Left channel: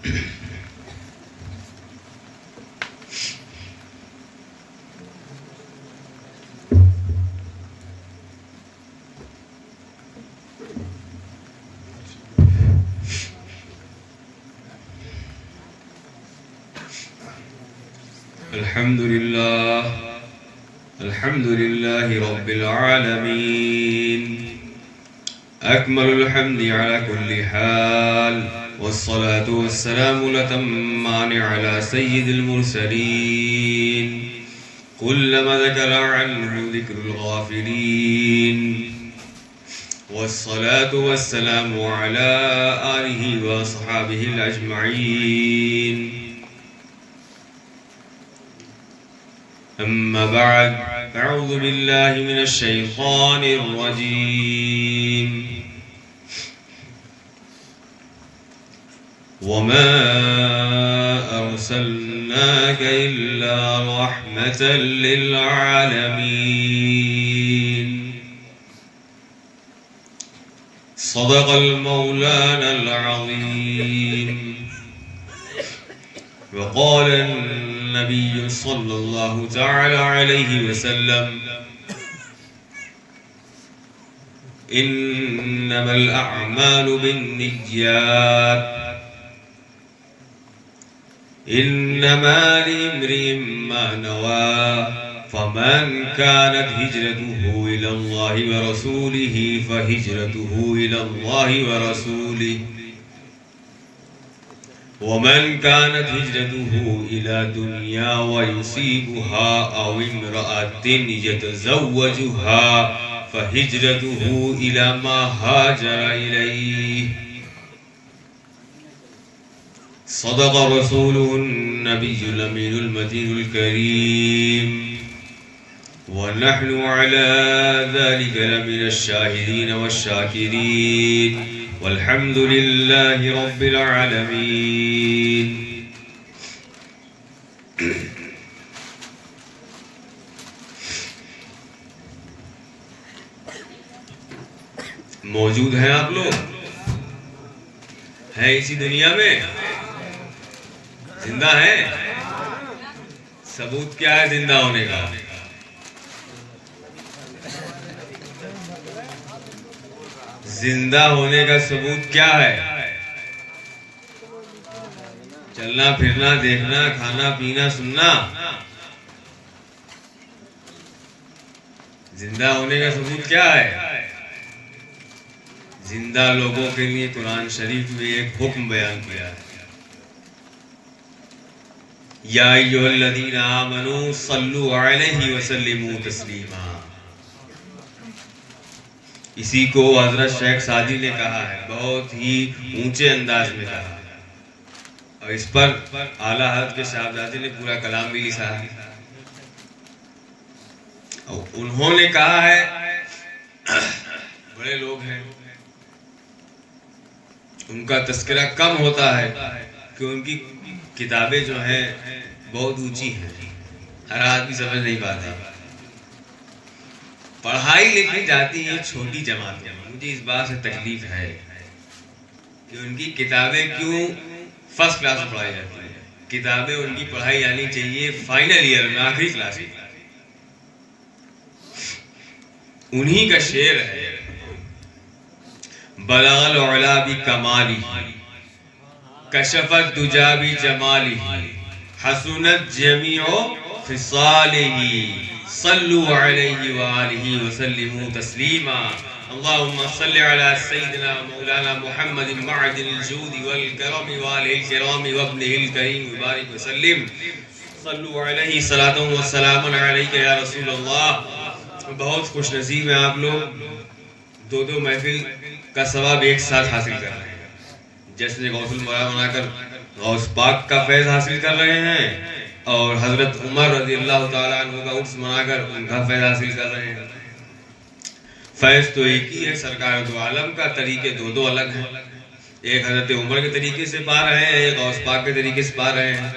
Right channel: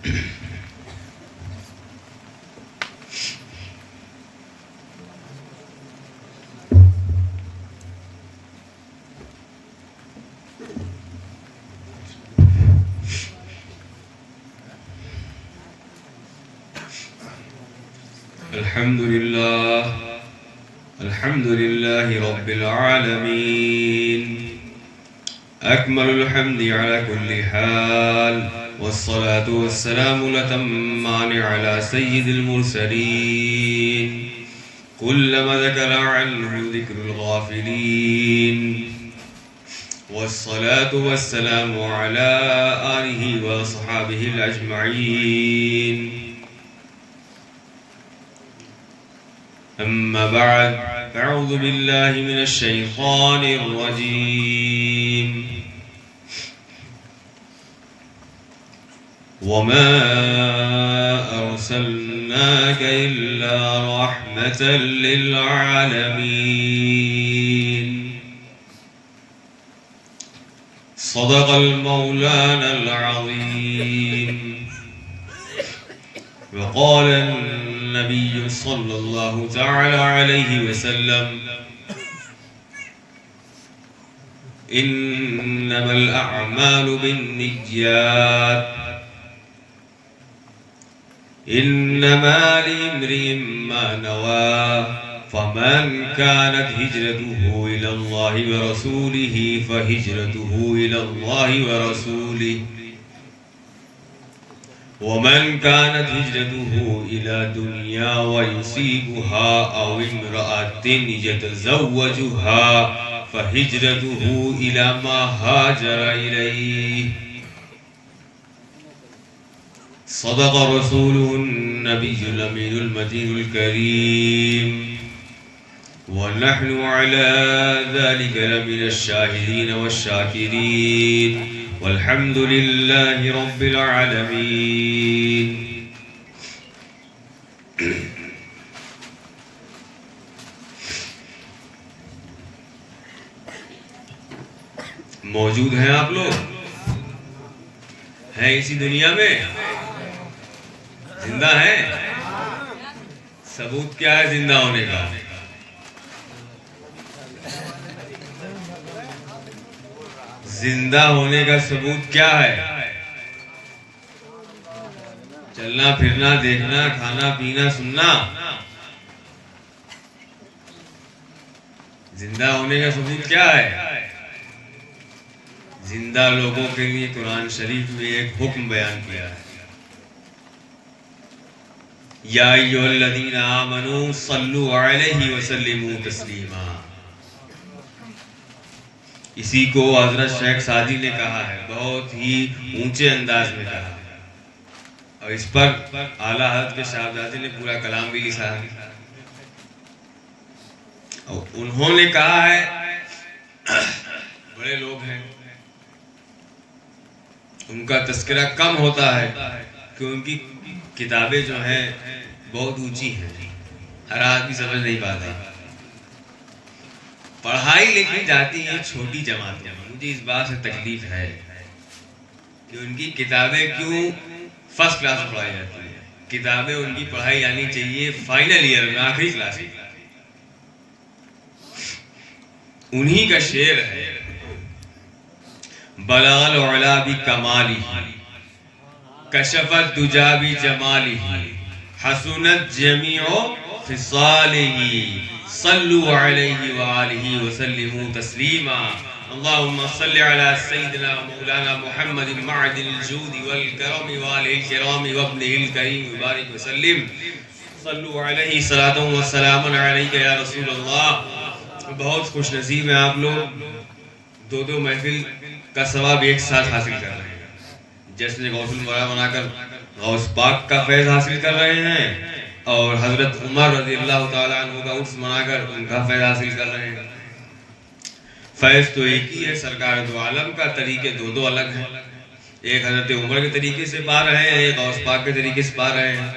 الحمد لله رب العالمين أكمل الحمد على كل حال، والصلاة والسلام الأتمان على سيد المرسلين كلما ذكر عنه ذكر الغافلين، والصلاة والسلام على آله وصحابه الأجمعين. أما بعد، أعوذ بالله من الشيطان الرجيم. وما أرسلناك إلا رحمة للعالمين. صدق المولانا العظيم. وقال النبي صلى الله تعالى عليه وسلم: إنما الأعمال بالنيات، إنما لامرئ ما نوى، فمن كانت هجرته إلى الله ورسوله فهجرته إلى الله ورسوله، ومن كانت هجرته إلى دنيا ويصيبها أو امرأة يتزوجها فهجرته إلى ما هاجر إليه. صدق رسوله النبي الأمين المتين الكريم، ونحن على ذلك لمن الشاهدين والشاكرين، والحمد لله رب العالمين. موجود ہیں آپ لوگ؟ ہیں اسی دنیا میں؟ زندہ ہیں؟ ثبوت کیا ہے زندہ ہونے کا؟ زندہ ہونے کا ثبوت کیا ہے؟ چلنا پھرنا، دیکھنا، کھانا پینا، سننا. زندہ ہونے کا ثبوت کیا ہے؟ زندہ لوگوں کے لیے قرآن شریف میں ایک حکم بیان کیا ہے: یا ایھا الذین آمنوا صلوا علیہ وسلموا تسلیما. اسی کو حضرت شیخ سعدی نے کہا ہے، بہت ہی اونچے انداز میں کہا، اور اس پر اعلیٰ حضرت کے صاحبزادے نے پورا کلام بھی لکھا ہے. اور انہوں نے کہا ہے، بڑے لوگ ہیں ان کا تذکرہ کم ہوتا ہے کہ ان کی کتابیں جو ہیں بہت اونچی ہیں، ہر آدمی سمجھ نہیں پاتا. پڑھائی لکھی جاتی ہے چھوٹی جماعت میں. مجھے اس بات سے تکلیف ہے کہ ان کی کتابیں کیوں فرسٹ کلاس میں پڑھائی جاتی ہیں. کتابیں ان کی پڑھائی آنی چاہیے فائنل ایئر میں، آخری کلاس میں. انہی کا شعر ہے: بلغ العلا بکمالہ، کشف الدجی بجمالہ، حسنت جمیع خصالہ، صلوا علیہ وآلہ وسلموا تسلیما. اللهم صل على سيدنا مولانا محمد معدن الجود والكرم وآلہ الكرام وابنہ الکریم وبارک وسلم. صلوا علیہ صلاۃ وسلام علیک یا رسول اللہ. بہت خوش نصیب ہیں آپ لوگ، دو محفل کا ثواب ایک ساتھ حاصل کر رہے ہیں. جشن غوث المرا منا کر غوث پاک کا فیض حاصل کر رہے ہیں، اور حضرت عمر رضی اللہ تعالیٰ عنہ کا عرس منا کر ان کا فیض حاصل کر رہے ہیں. فیض تو ایک ہی ہے، سرکار دو عالم کا. طریقے دو الگ ہیں. ایک حضرت عمر کے طریقے سے پا رہے ہیں، ایک غوث پاک کے طریقے سے پا رہے ہیں.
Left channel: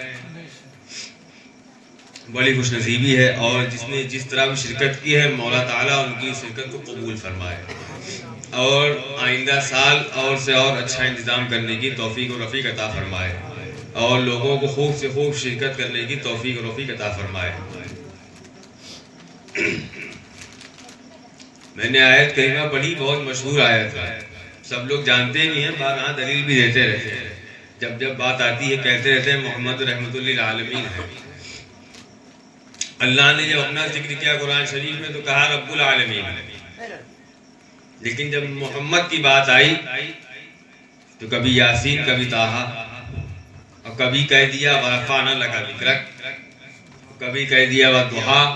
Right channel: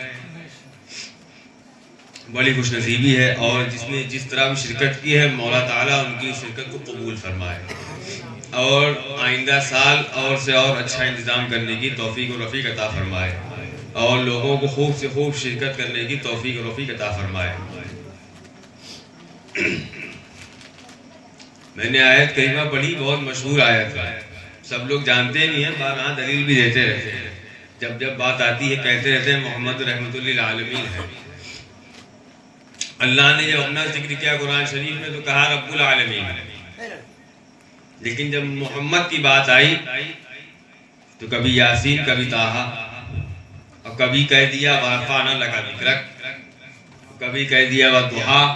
بڑی خوش نصیبی ہے، اور جس نے جس طرح بھی شرکت کی ہے مولا تعالیٰ ان کی شرکت کو قبول فرمائے، اور آئندہ سال اور سے اور اچھا انتظام کرنے کی توفیق و رفیق عطا فرمائے. اور لوگوں کو خوب سے خوب شرکت کرنے کی توفیق و رفیق عطا فرمائے۔ میں نے آیت کریمہ پڑھی، بہت مشہور آیت ہے، سب لوگ جانتے بھی ہیں، بارہا دلیل بھی دیتے رہتے ہیں، جب جب بات آتی ہے کہتے رہتے ہیں محمد رحمت للعالمین ہے۔ اللہ نے جب اپنا ذکر کیا قرآن شریف میں تو کہا رب العالمین، لیکن جب محمد کی بات آئی تو کبھی یاسین، کبھی طٰہٰ، اور کبھی کہہ دیا وَرَفَعْنَا لَكَ ذِکْرَکَ، کبھی کہہ دیا وَالضُّحَیٰ،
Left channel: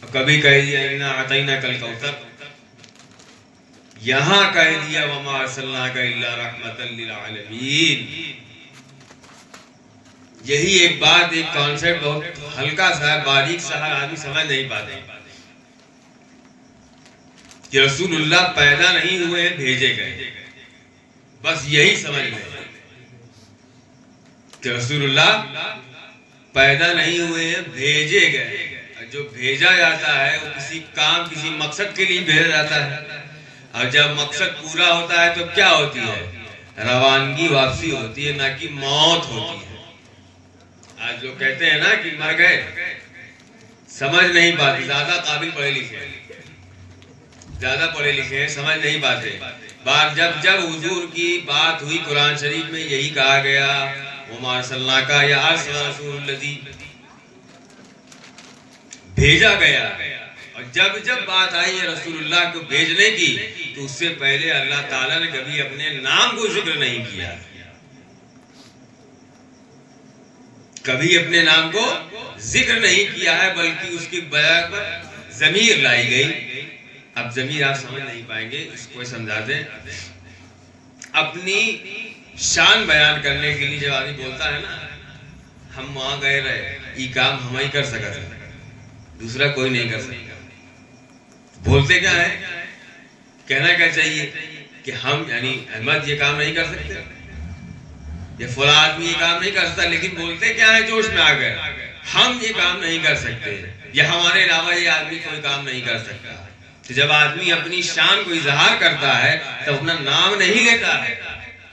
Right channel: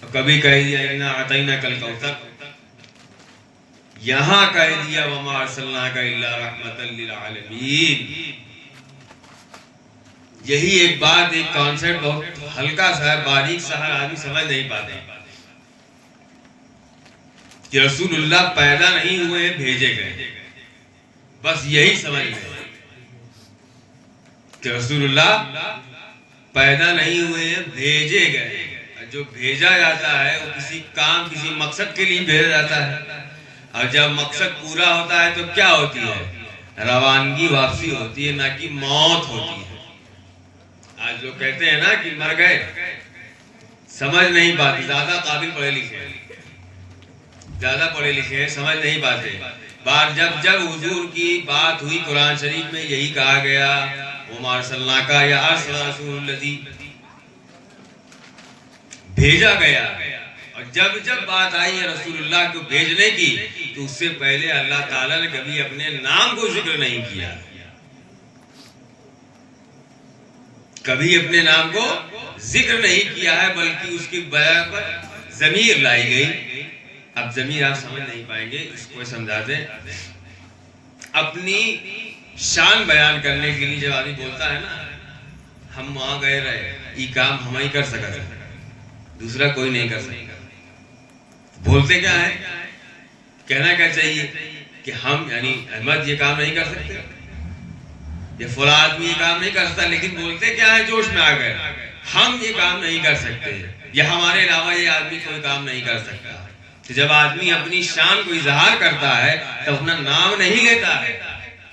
اور کبھی کہہ دیا اِنَّا أَعْطَیْنَاکَ الْکَوْثَرَ، یہاں کہہ دیا وَمَا أَرْسَلْنَاکَ إِلَّا رَحْمَةً لِلْعَالَمِينَ۔ یہی ایک بات، ایک کانسیپٹ بہت ہلکا سا ہے، باریک سا ہے، آدمی سمجھ نہیں پاتے کہ رسول اللہ پیدا نہیں ہوئے ہیں، بھیجے گئے، بس یہی سمجھ لیں کہ رسول اللہ پیدا نہیں ہوئے ہیں، بھیجے گئے۔ جو بھیجا جاتا ہے وہ کسی کام، کسی مقصد کے لیے بھیجا جاتا ہے، اور جب مقصد پورا ہوتا ہے تو کیا ہوتی ہے؟ روانگی، واپسی ہوتی ہے، نہ کہ موت ہوتی ہے۔ آج لوگ کہتے ہیں نا کہ مر گئے، سمجھ نہیں پاتے، زیادہ قابل پڑھے لکھے ہیں، زیادہ پڑھے لکھے ہیں، سمجھ نہیں پاتے۔ بار جب جب حضور کی بات ہوئی قرآن شریف میں یہی کہا گیا وَمَا أَرْسَلْنَاكَ یا أَرْسَلَ رَسُولُ الَّذِي، بھیجا گیا۔ اور جب جب بات آئی ہے رسول اللہ کو بھیجنے کی تو اس سے پہلے اللہ تعالیٰ نے کبھی اپنے نام کو ذکر نہیں کیا، کبھی اپنے نام کو ذکر نہیں کیا ہے، بلکہ اس کی بجائے پر ضمیر لائی گئی۔ اب ضمیر آپ سمجھ نہیں پائیں گے، اس کو سمجھا دیں۔ اپنی شان بیان کرنے کے لیے جب آدمی بولتا ہے نا ہم وہاں گئے رہے، یہ کام ہم ہی کر سکتے، دوسرا کوئی نہیں کر سکتا، بولتے کیا ہے؟ کہنا کیا چاہیے کہ ہم، یعنی احمد یہ کام نہیں کر سکتے، یہ فلاں آدمی یہ کام نہیں کر سکتا، لیکن بولتے کیا ہے؟ جوش میں آ گئے، ہم یہ کام نہیں کر سکتے، یا ہمارے علاوہ یہ آدمی کوئی کام نہیں کر سکتا۔ تو جب آدمی اپنی شان کو اظہار کرتا ہے تو اپنا نام نہیں لیتا ہے،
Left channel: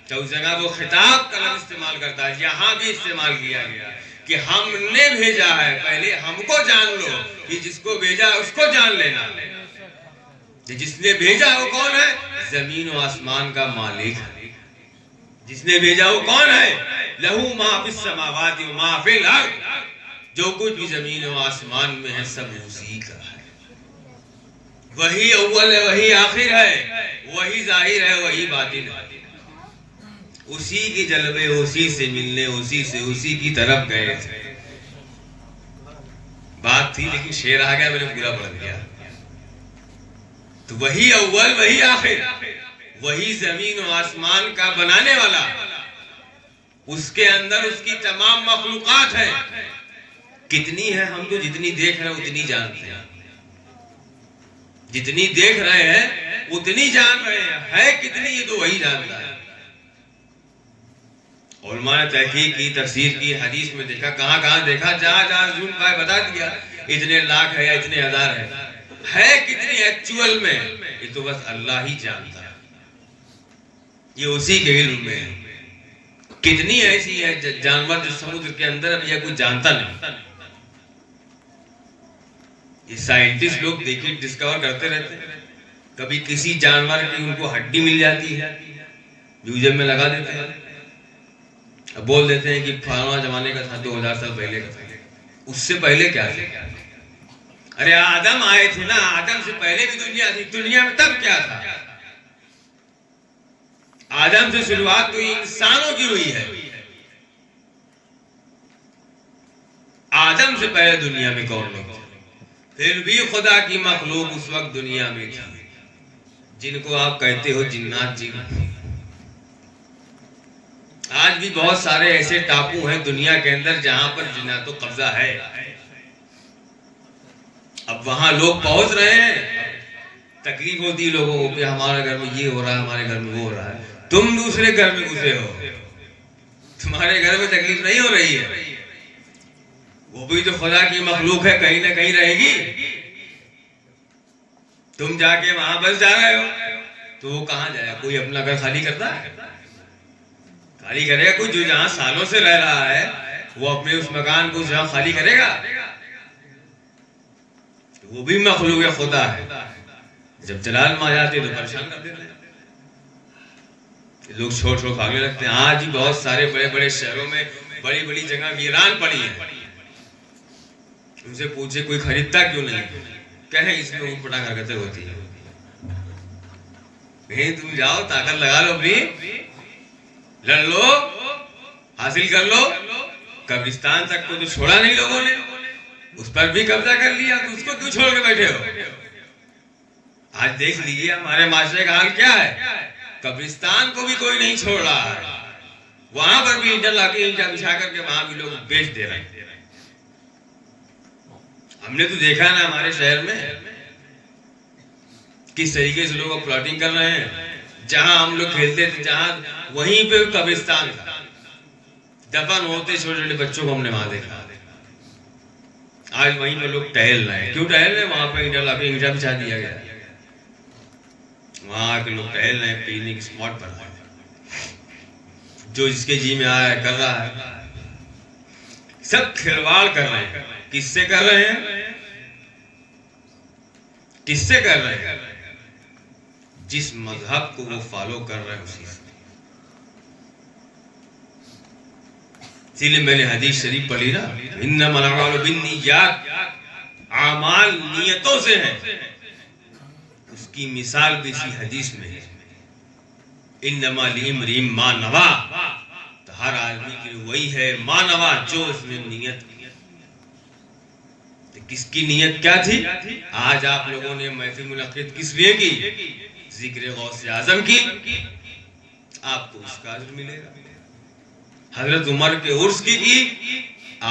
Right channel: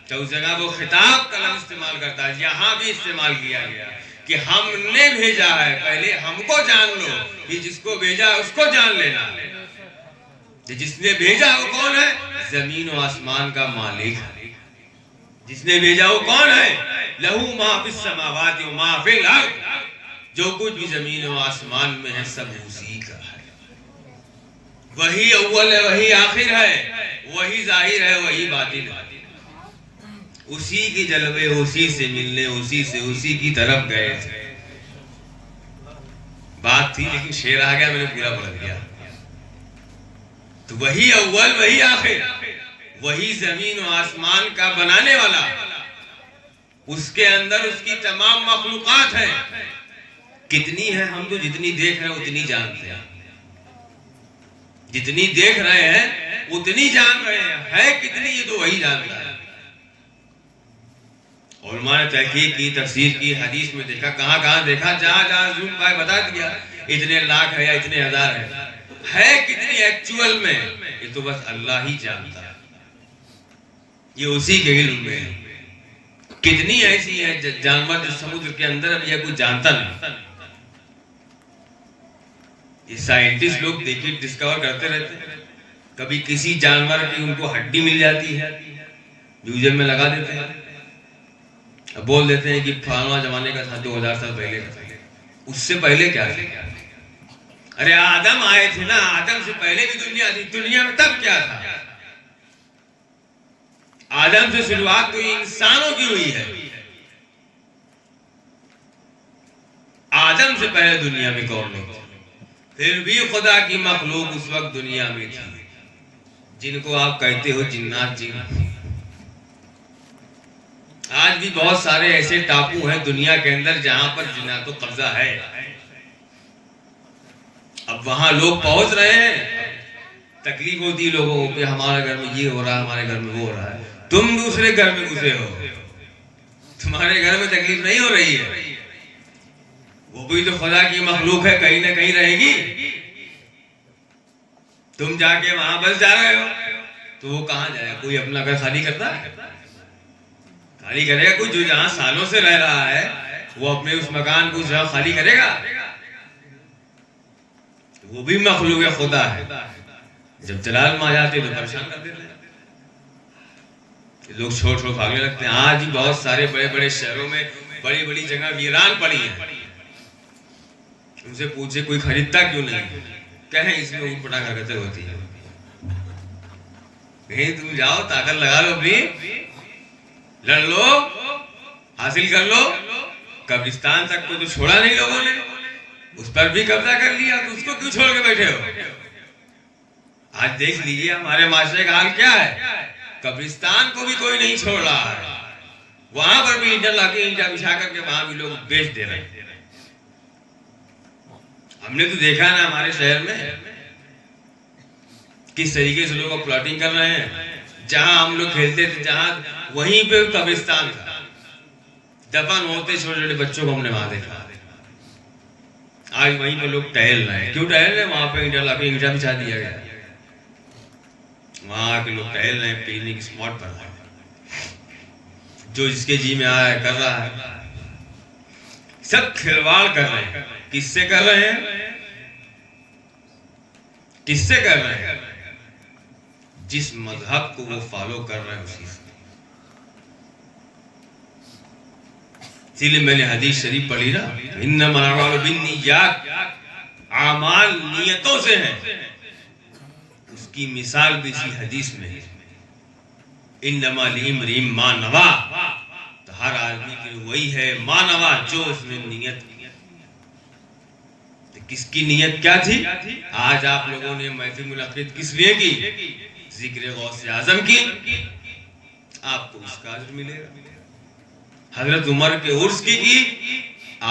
تو اس جگہ وہ خطاب کا لفظ استعمال کرتا ہے۔ یہاں بھی استعمال کیا گیا کہ ہم نے بھیجا ہے، پہلے ہم کو جان لو، کہ جس کو بھیجا اس کو جان لینا۔ جس نے بھیجا وہ کون ہے؟ زمین و آسمان کا مالک ہے۔ جس نے بھیجا وہ کون ہے؟ لہو ما فی السماوات و ما فی الارض، جو کچھ بھی زمین و آسمان میں ہے سب اسی کا ہے۔ وہی اول ہے، وہی آخر ہے، وہی ظاہر ہے، وہی باطن ہے۔ اسی کی جلوے، اسی سے ملنے، اسی سے اسی کی طرف گئے تھے۔ بات تھی لیکن شعر آ گیا، میں نے پورا پڑھ دیا۔ تو وہی اول، وہی آخر، وہی زمین و آسمان کا بنانے والا، اس کے اندر اس کی تمام مخلوقات ہیں۔ کتنی ہے؟ ہم تو جتنی دیکھ رہے ہیں اتنی جانتے ہیں، جتنی دیکھ رہے ہیں اتنی جان رہے ہیں، ہے کتنی یہ تو وہی جانتا ہے۔ علماء نے تحقیق کی، تفسیر کی، حدیث میں دیکھا، کہاں کہاں دیکھا، جہاں جہاں ظلم پائے بتا دیا اتنے لاکھ ہے یا اتنے ہزار ہے کتنی ایکچوئل میں یہ تو بس اللہ ہی جانتا ہے، یہ اسی کے علم میں ہے۔ کتنی ایسی ہے جانور جو سمندر کے اندر اب یہ کوئی جانتا نہیں۔ یہ سائنٹسٹ لوگ دیکھیں ڈسکور کرتے رہتے ہیں، کبھی کسی جانور کی ان کو ہڈی مل جاتی ہے، میوزیم میں لگا دیتے ہیں، اب بول دیتے ہیں کہ فلانا زمانے کا تھا، 2000 سال پہلے کا تھا۔ اس سے پہلے کیا تھا؟ ارے آدم آئے تھے نا، آدم سے پہلے بھی دنیا تھی، دنیا میں تب کیا تھا؟ آدم سے شروعات تو انسانوں کی ہوئی ہے، آدم سے پہلے دنیا میں کون لوگ تھے؟ پھر بھی خدا کی مخلوق اس وقت دنیا میں تھی، جن کو آپ کہتے ہو جنات، جن۔ آج بھی بہت سارے ایسے ٹاپو ہیں دنیا کے اندر جہاں پر جنات کو قبضہ ہے۔ اب وہاں لوگ پہنچ رہے ہیں، تکلیف ہوتی ہے لوگوں کو کہ ہمارے گھر میں یہ ہو رہا ہے، ہمارے گھر میں وہ ہو رہا ہے۔ تم دوسرے گھر میں گھسے ہو، تمہارے گھر میں تکلیف نہیں ہو رہی ہے، وہ بھی تو خدا کی مخلوق ہے، کہیں نہ کہیں رہے گی۔ تم جا کے وہاں بس جا رہے ہو تو وہ کہاں جائے؟ کوئی اپنا گھر خالی کرتا ہے؟ خالی کرے گا کوئی جو جہاں سالوں سے رہ رہا ہے وہ اپنے اس مکان کو جہاں خالی کرے گا؟ وہ بھی مخلوق خدا ہے. جب جلال میں آ جاتے تو پریشان کر دیتے ہیں. لوگ چھوڑ چھوڑ بھاگنے لگتے ہیں. آج بھی بہت سارے بڑے بڑے شہروں میں بڑی بڑی جگہ ویران پڑی ہیں. ان سے پوچھے کوئی خریدتا کیوں نہیں؟ کہیں اس میں اونٹ پٹانگ حرکتیں ہوتی ہیں. کہیں تم جاؤ طاقت لگا لو، اپنی لڑ لو، حاصل کر لو. قبرستان تک کو تو چھوڑا نہیں لوگوں نے، اس پر بھی قبضہ کر لیا، تو اس کو کیوں چھوڑ کے بیٹھے ہو؟ آج دیکھ لیجیے ہمارے معاشرے کا حال کیا ہے. قبرستان کو بھی کوئی نہیں چھوڑ رہا ہے، وہاں پر بھی اینٹیں لا کے اینٹیں بچھا کر کے وہاں بھی لوگ بیچ دے رہے ہیں. ہم نے تو دیکھا نا ہمارے شہر میں کس طریقے سے لوگ پلاٹنگ کر رہے ہیں. جہاں ہم لوگ کھیلتے تھے جہاں وہیں پہ قبرستان تھا، دفن ہوتے چھوٹے چھوٹے بچوں کو ہم نے وہاں دیکھا. آج وہیں پہ لوگ ٹہل رہے ہیں. کیوں ٹہل رہے ہیں؟ وہاں پہ اینٹیں لا کے اینٹیں بچھا دیا گیا، وہاں کے لوگ ٹہل رہے ہیں پکنک اسپاٹ پر. جو جس کے جی میں آیا ہے کر رہا ہے. سب کھلواڑ کر رہے ہیں. کس سے کر رہے ہیں؟ کس سے کر رہے ہیں؟ جس مذہب کو وہ فالو کر رہے ہیں اسی سے. اسی لیے میں نے حدیث شریف پڑھی نا، انما الاعمال بالنیات، اعمال نیتوں سے ہیں. اس کی مثال بھی اسی حدیث میں ہے. انما لامرئ ما نویٰ، تو ہر آدمی کے وہی ہے ما نویٰ، جو اس نے نیت. کس کی نیت کیا تھی؟ آج آپ لوگوں نے محفل منعقد کس لیے کی؟ ذکر غوث اعظم کی. آپ کو اس کا اجر ملے گا. حضرت عمر کے عرس کی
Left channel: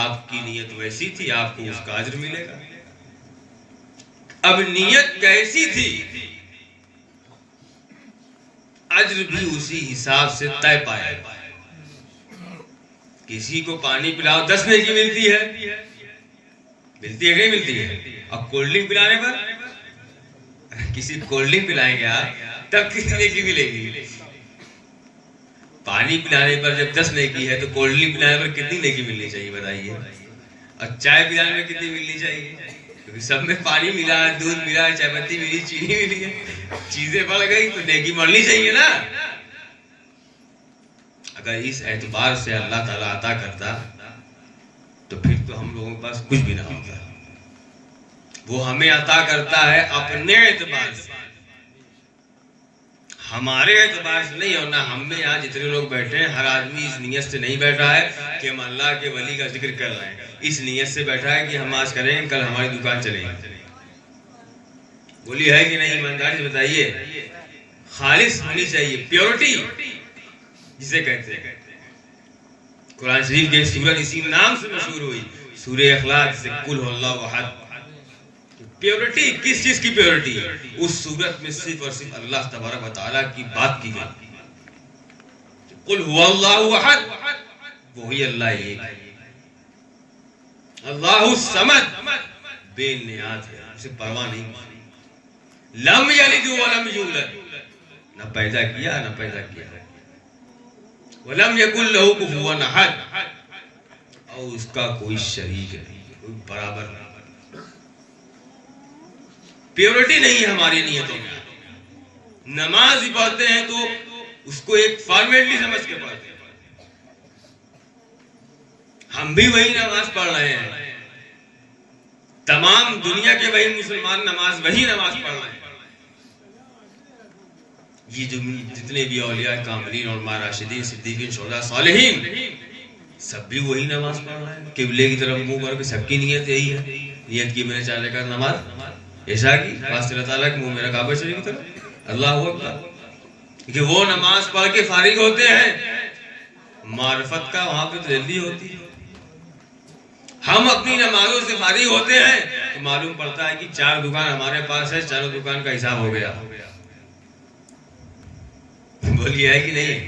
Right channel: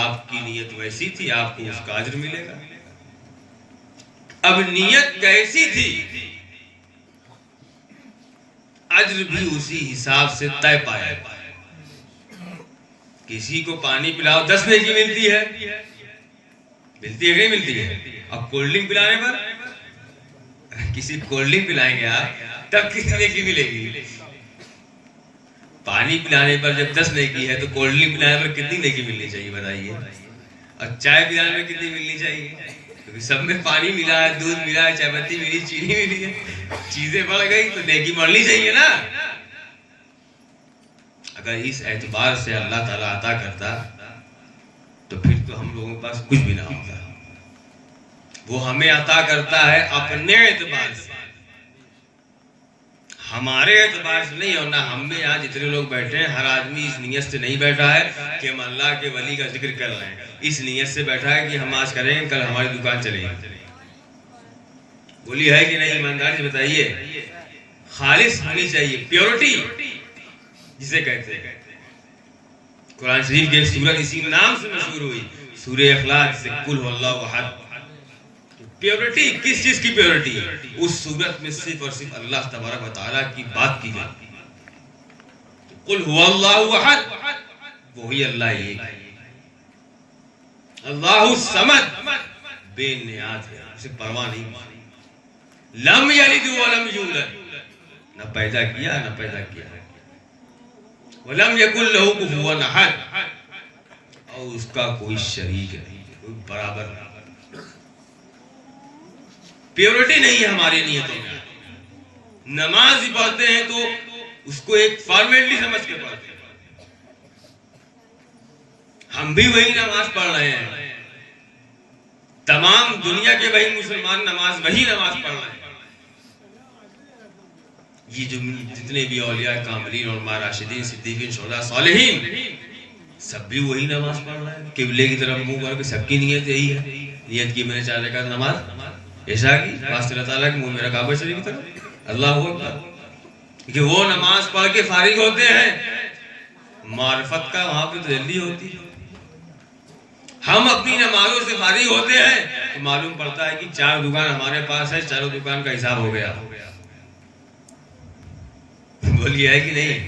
آپ کی نیت ویسی تھی، آپ کو اس کا اجر ملے گا. اب نیت کیسی تھی، اجر بھی اسی حساب سے طے پائے. کسی کو پانی پلاؤ 10 نیکی ملتی ہے، ملتی ہے کہ نہیں ملتی ہے؟ اب کولڈ ڈرنک پلانے پر، کسی کولڈ ڈرنک پلائیں گے آپ تب کتنی نیکی ملے گی؟ پانی پلانے پر جب 10 نیکی ہے تو کولڈ ڈرنک پلانے پر کتنی نیکی ملنی چاہیے بتائیے؟ اور چائے پلانے پر کتنی ملنی چاہیے؟ کیونکہ سب میں پانی ملا ہے، دودھ ملا ہے، چائے پتی ملی، چینی ملی ہے، چیزیں بڑھ گئی تو نیکی بڑھنی چاہیے نا. اگر اس اعتبار سے اللہ تعالیٰ عطا کرتا تو پھر تو ہم لوگوں کے پاس کچھ بھی نہ ہوتا. وہ ہمیں عطا کرتا ہے اپنے اعتبار سے، ہمارے اعتبار سے نہیں. اور نہ ہم میں یہاں جتنے لوگ بیٹھے ہیں ہر آدمی اس نیت سے نہیں بیٹھا ہے کہ ہم اللہ کے ولی کا ذکر کر رہے ہیں. اس نیت سے بیٹھا ہے کہ ہم آج کریں گے کل ہماری دکان چلے گی. بولی ہے کہ نہیں؟ ایمانداری سے بتائیے. خالص ہونی چاہیے، پیورٹی جسے کہتے ہیں. قرآن شریف کی ایک سورت اسی نام سے مشہور ہوئی، سورہ اخلاص، سے قل هو اللہ احد. پیورٹی کس چیز کی پیورٹی؟ اس سورت میں صرف اور صرف اللہ تبارک و تعالیٰ کی بات کی گئی. قل هو اللہ احد، وہی اللہ ایک، اللہ الصمد، بے نیاز ہے، اسے پرواہ نہیں. لم یلد ولم یولد، نہ پیدا کیا نہ پیدا کیا. وَلَمْ يَكُنْ لَهُ كُفُوًا أَحَدٌ، اور اس کا کوئی شریک نہیں، کوئی برابر نہیں. پیورٹی نہیں ہے ہماری نیتوں میں. نماز بھی پڑھتے ہیں تو اس کو ایک فارمیلٹی سمجھ کے پڑھتے ہیں. ہم بھی وہی نماز پڑھ رہے ہیں، تمام دنیا کے وہی مسلمان وہی نماز پڑھ رہے ہیں. یہ جو جتنے بھی اولیاء کاملین اور راشدین، صدیقین، شہداء، صالحین، سب بھی وہی نماز پڑھ رہے ہیں. قبلے کی طرف منہ کر کے سب کی نیت یہی ہے. نیت کی میں نے 4 رکعت نماز عشاء کی، واسطے اللہ تعالیٰ کے منہ میرا کعبہ شریف کی طرف، اللہ اکبر. کہ وہ نماز پڑھ کے فارغ ہوتے ہیں، معرفت کا وہاں پہ تجلی ہوتی ہے. ہم اپنی نمازوں سے فارغ ہوتے ہیں تو معلوم پڑتا ہے کہ 4 دکان ہمارے پاس ہے، 4 دکان کا حساب ہو گیا. بولیے ہے کہ نہیں؟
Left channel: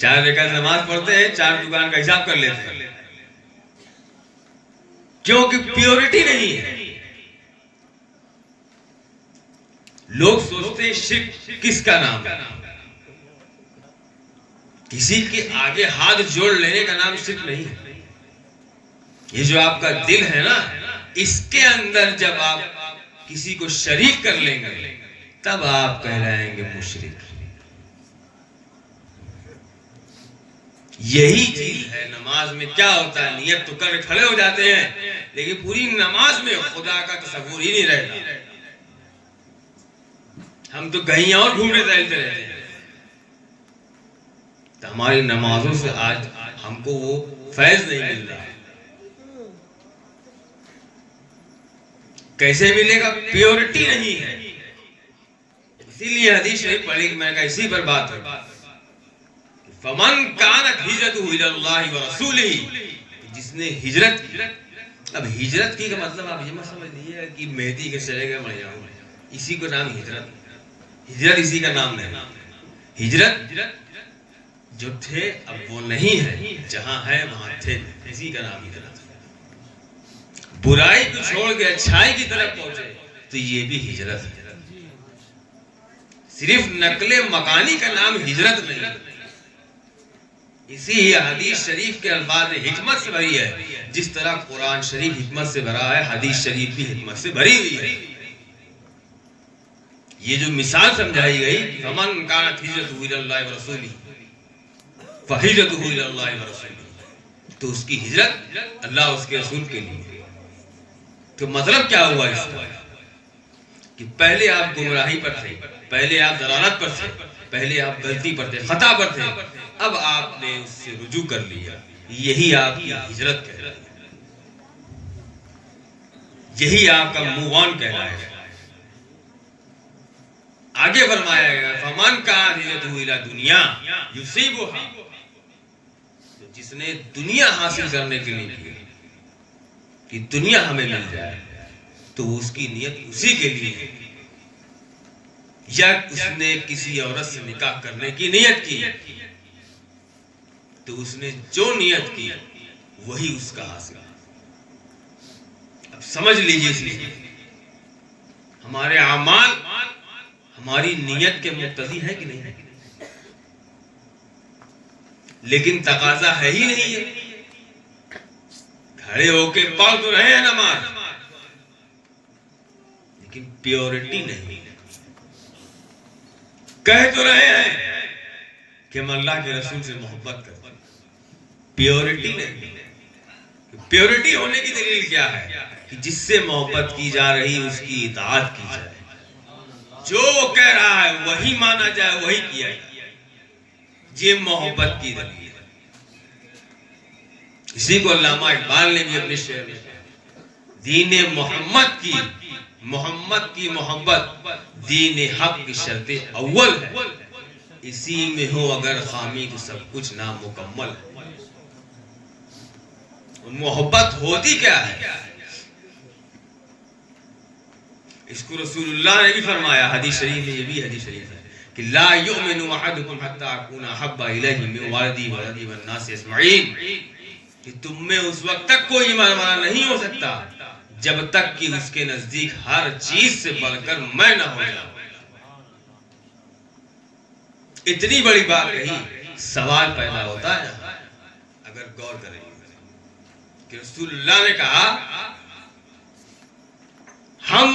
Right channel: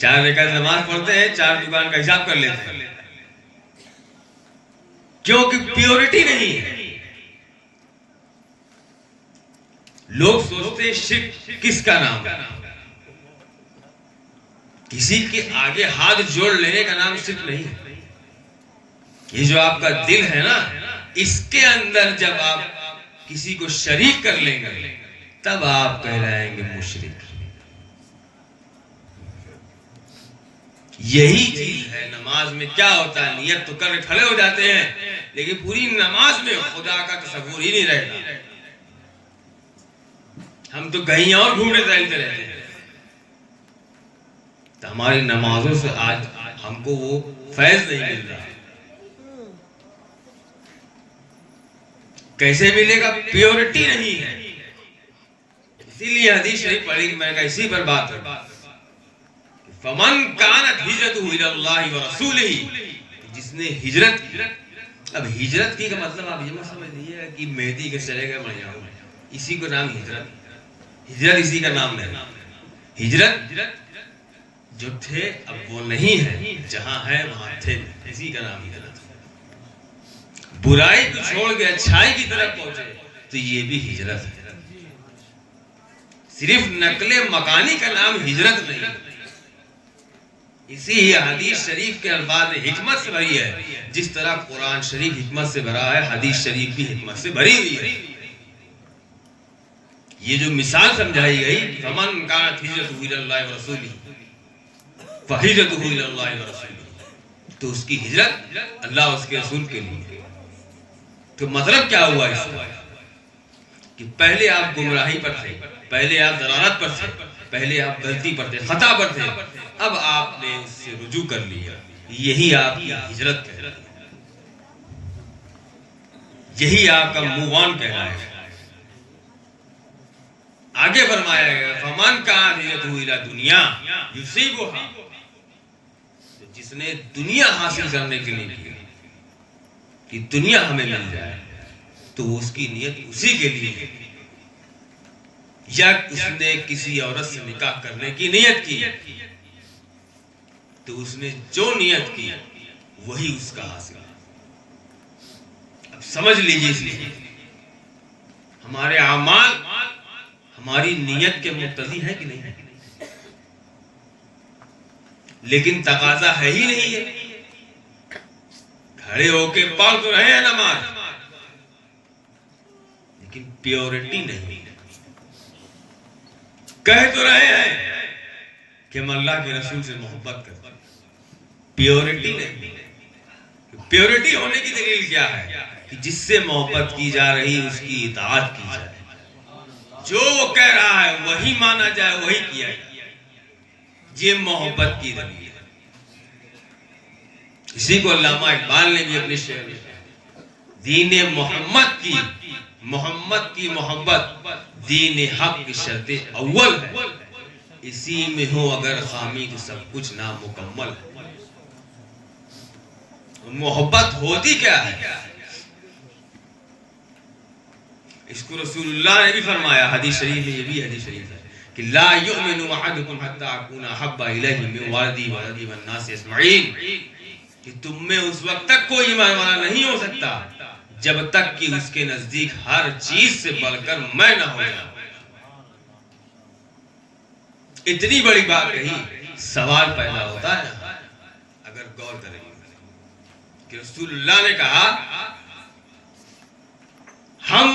4 رکعت نماز پڑھتے ہیں، 4 دکان کا حساب کر لیتے ہیں. کیونکہ پیورٹی نہیں ہے. لوگ سوچتے ہیں شرک کس کا نام ہے؟ کسی کے آگے ہاتھ جوڑ لینے کا نام شرک نہیں ہے. یہ جو آپ کا دل ہے نا، اس کے اندر جب آپ کسی کو شریک کر لیں گے تب آپ کہلائیں گے مشرک. یہی چیز ہے نماز میں. کیا ہوتا ہے، نیت تو کر کھڑے ہو جاتے ہیں لیکن پوری نماز میں خدا کا تصور ہی نہیں رہتا. ہم تو کہیں اور گھومنے ٹہلتے رہتے ہیں. تو ہماری نمازوں سے آج ہم کو وہ فیض نہیں مل رہا ہے. کیسے ملے گا؟ پیورٹی نہیں ہے. اسی لیے حدیث شریف پڑھی، میں کہا اسی پر بات کروں. فمن کانت ہجرتہ الی اللہ ورسولہ، جس نے ہجرت کی. اب ہجرت کی کا مطلب آپ یہ مت سمجھ لیجیے کہ مہدی کے چلے گئے مر جاؤں، اسی کو نام ہجرت. ہجرت اسی کا نام نہیں. ہجرت جو تھے اب وہ نہیں ہے، جہاں ہے وہاں تھے، اسی کا نام ہجرت. برائی کو چھوڑ کے اچھائی کی طرف پہنچے تو یہ بھی ہجرت ہے. صرف نقل مکانی کا نام ہجرت نہیں. اسی حدیث شریف کے الفاظ حکمت سے بھری ہے. جس طرح قرآن شریف حکمت سے بھرا ہے، حدیث شریف بھی حکمت سے بھری ہوئی ہے. یہ جو مثال سمجھائی گئی، فمن کانت ہجرتہ الی اللہ ورسولہ فہجرتہ الی اللہ ورسولہ، تو اس کی ہجرت اللہ اور اس کے رسول کے لیے. تو مطلب کیا ہوا اس کا؟ کہ پہلے آپ گمراہی پر تھے، پہلے آپ ضلالت پر تھے، پہلے آپ غلطی پر تھے، خطا پر تھے، اب آپ نے اس سے رجوع کر لیا. یہی آپ کی ہجرت ہے، یہی آپ کا موو آن کہلائے گا. آگے فرمایا گیا فمن کانت ہجرتہ الی دنیا یصیبھا، تو جس نے دنیا حاصل کرنے کے لیے کیا کہ دنیا ہمیں مل جائے، تو اس کی نیت اسی کے لیے. یا اس نے کسی عورت سے نکاح کرنے کی نیت کی تو اس نے جو نیت کی وہی اس کا حاصل. اب سمجھ لیجیے اس لیے ہمارے اعمال ہماری نیت کے مقتضی ہے کہ نہیں ہے، لیکن تقاضا ہے ہی نہیں ہے. کھڑے ہو کے پڑھ تو رہے ہیں نماز، لیکن پیورٹی نہیں. کہہ تو رہے ہیں کہ ہم اللہ کے رسول سے محبت کرتے ہیں، پیورٹی نہیں. پیورٹی ہونے کی دلیل کیا ہے؟ کہ جس سے محبت کی جا رہی اس کی اطاعت کی جائے، جو وہ کہہ رہا ہے وہی مانا جائے، وہی کیا جائے. یہ محبت کی دلیل ہے. اسی کو علامہ اقبال نے بھی اپنے شعر میں کہا، دین محمد کی محبت دین حق کی شرط اول ہے. اسی میں ہو اگر خامی تو سب کچھ نامکمل ہے. محبت ہوتی کیا ہے؟ اس کو رسول اللہ نے بھی فرمایا حدیث شریف میں. یہ بھی حدیث شریف ہے کہ لا یؤمن احدکم حتی اکون احب الیہ من والدی ولدی والناس اجمعین، کہ تم میں اس وقت تک کوئی ایمان والا نہیں ہو سکتا جب تک کہ اس کے نزدیک ہر چیز سے بڑھ کر میں نہ ہو جاؤں. اتنی بڑی بات کہی، سوال پیدا ہوتا ہے اگر غور کریں کہ رسول اللہ نے کہا ہم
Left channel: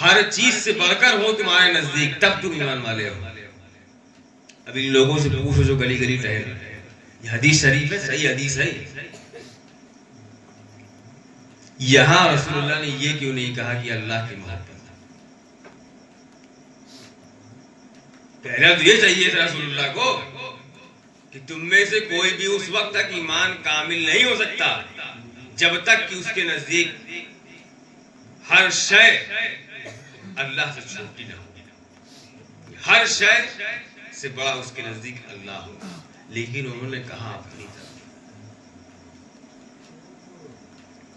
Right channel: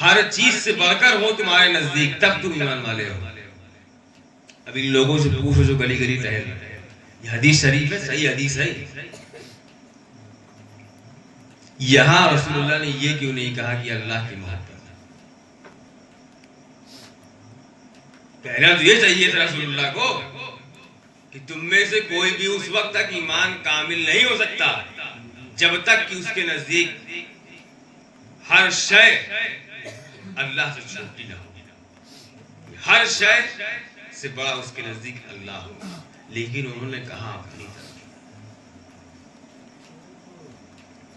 ہر چیز سے بڑھ کر ہو تمہارے نزدیک تب تم ایمان والے ہو. اب ان لوگوں سے پوچھو جو گلی گلی ٹہل رہے ہیں، یہ حدیث شریف ہے، صحیح حدیث ہے. یہاں رسول اللہ نے یہ کیوں نہیں کہا کہ اللہ کی محبت؟ پہلا تو یہ چاہیے تھا رسول اللہ کو کہ تم میں سے کوئی بھی اس وقت تک ایمان کامل نہیں ہو سکتا جب تک کہ اس کے نزدیک ہر شے اللہ سے چھوٹی نہ ہو، ہر شے سے بڑا اس کے نزدیک اللہ ہو. لیکن انہوں نے کہا اپنی طرف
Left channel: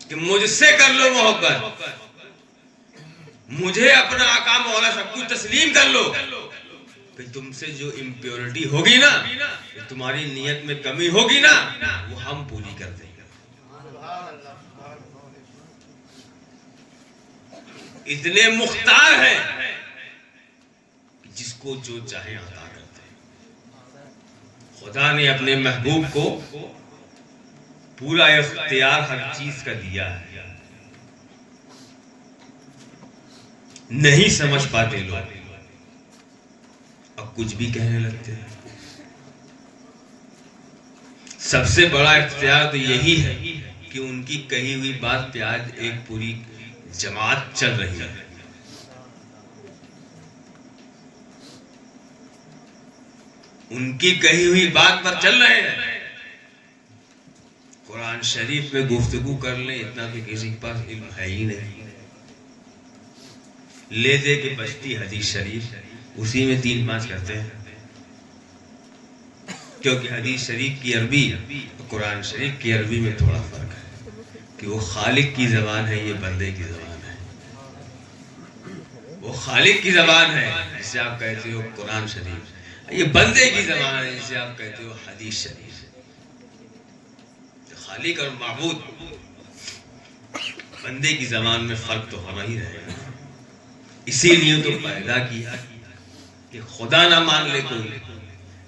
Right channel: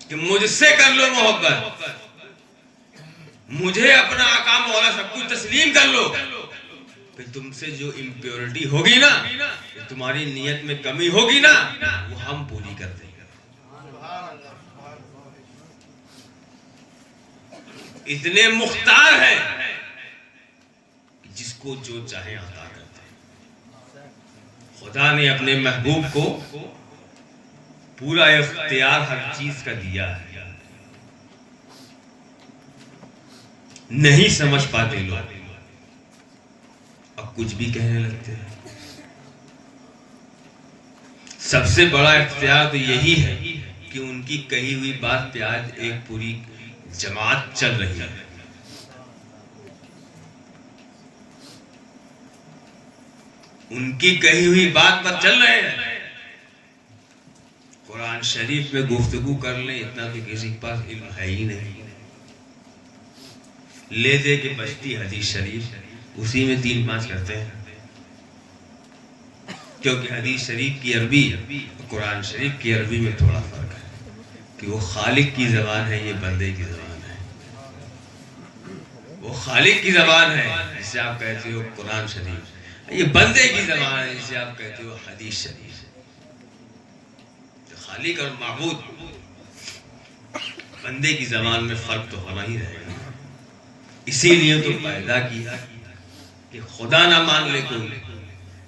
کہ مجھ سے کر لو محبت، مجھے اپنا آقا مولا سب کچھ تسلیم کر لو، پھر تم سے جو امپیورٹی ہوگی نا، تمہاری نیت میں کمی ہوگی نا، وہ ہم پوری کر دیں گے. اتنے مختار ہیں جس کو جو چاہے عطا کرتے ہیں. خدا نے اپنے محبوب کو پورا اختیار ہر چیز کا دیا ہے. نہیں سمجھ پاتے لوگ، اب کچھ بھی کہنے لگتے ہیں. سب سے بڑا اختیار تو یہی ہے کہ ان کی کہی ہوئی بات پہ آج ایک پوری جماعت چل رہی ہے. ان کی کہی ہوئی بات پر چل رہے ہیں. قرآن شریف میں گفتگو کر لیں اتنا تو کسی کے پاس علم ہے ہی نہیں. لے دے کے بچتی حدیث شریف اسی میں 3-5 کرتے ہیں، کیونکہ حدیث شریف کی عربی اور قرآن شریف کی عربی میں تھوڑا فرق ہے کہ وہ خالق کی زبان ہے، یہ بندے کی زبان ہے. وہ خالق کی زبان ہے جسے آپ کہتے ہو قرآن شریف، یہ بندے کی زبان ہے جسے آپ کہتے ہو حدیث شریف. خالق اور معبود بندے کی زبان میں فرق تو ہونا ہی رہے گا. اسی لیے تو پیدا کیا کہ خدا نہ مان لے کوئی،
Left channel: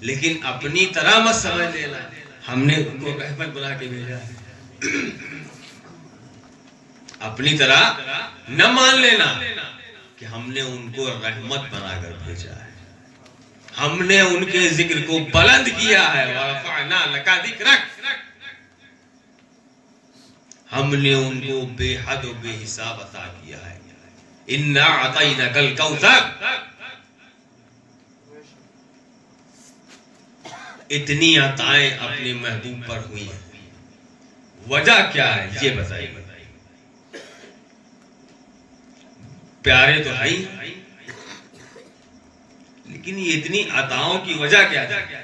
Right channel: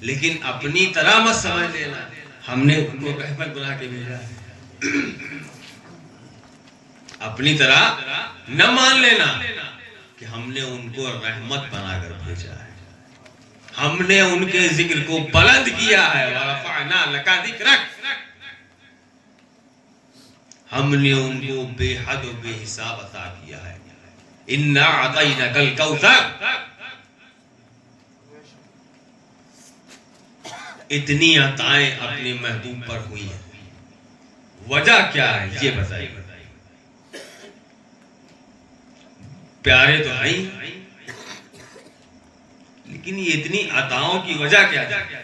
لیکن اپنی طرح مت سمجھ لینا ہم نے ان کو رحمت بنا کے بھیجا ہے. اپنی طرح نہ مان لینا کہ ہم نے ان کو رحمت بنا کر بھیجا ہے. ہم نے ان کے ذکر کو بلند کیا ہے. وَرَفَعْنَا لَكَ ذِكْرَكَ، ہم نے ان کو بے حد و بے حساب عطا کیا ہے. اِنَّا أَعْطَيْنَاكَ الْكَوْثَرَ، اتنی عطائیں اپنے محبوب پر ہوئی ہیں. وجہ کیا ہے یہ بتائیے. پیارے تو ہیں لیکن یہ اتنی عطاؤں کی وجہ کیا ہے؟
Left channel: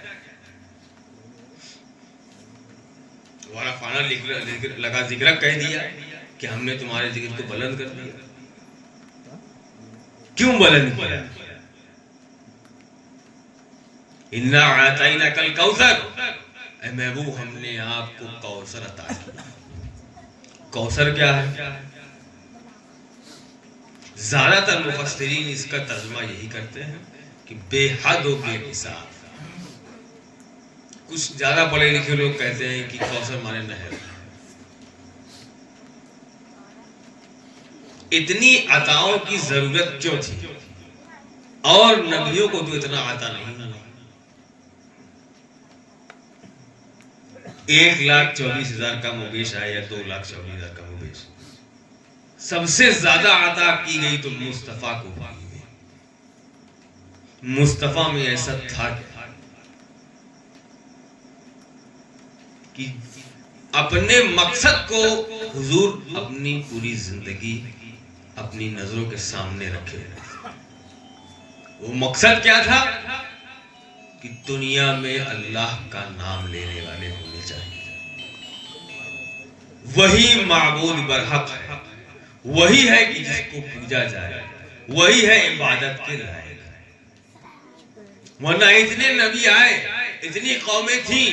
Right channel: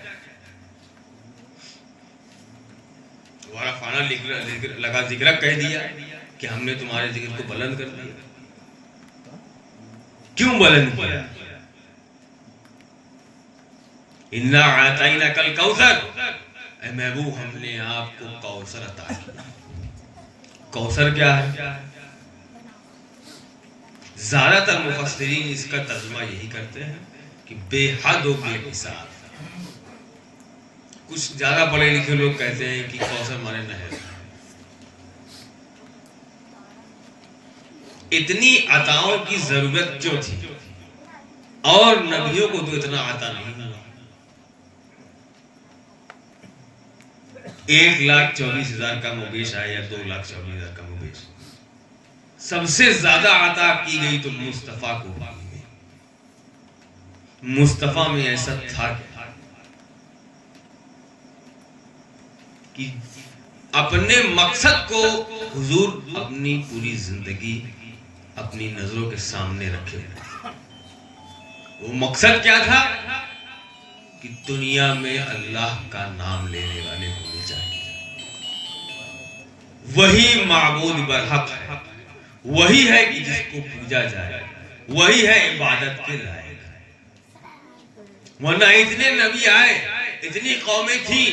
ورفعنا لگا ذکر کہہ دیا کہ ہم نے تمہارے ذکر کو بلند کر دیا. کیوں بلند کیا؟ اِنَّا أَعْطَيْنَاكَ الْكَوْثَرَ، اے محبوب ہم نے آپ کو کوثر عطا کیا. کوثر کیا ہے؟ زیادہ تر مفسرین اس کا ترجمہ یہی کرتے ہیں کہ بے حد و بے حساب. کچھ زیادہ پڑھے لکھے لوگ کہتے ہیں کہ کوثر مانے نہر. اتنی عطاؤں کی ضرورت کیوں تھی؟ اور نبیوں کو تو اتنا عطا نہیں تھا. 1,24,000 کا مبیش آیا یا 2,24,000 کا مبیش. سب سے زیادہ عطا کی گئی تو مصطفیٰ کو. مصطفیٰ میں ایسا تھا کہ اپنے مقصد کو حضور اپنی پوری زندگی اپنی نظروں کے سامنے رکھے ہوئے. وہ مقصد کیا تھا کہ دنیا میں اللہ کا نام لینے والے ہونے چاہیے. وہی معبود برحق ہے، وہی ہے کہ جس کو پوجا جائے، وہی ہے عبادت کے لائق. ورنہ اتنے نبی آئے، اتنی قومیں تھیں،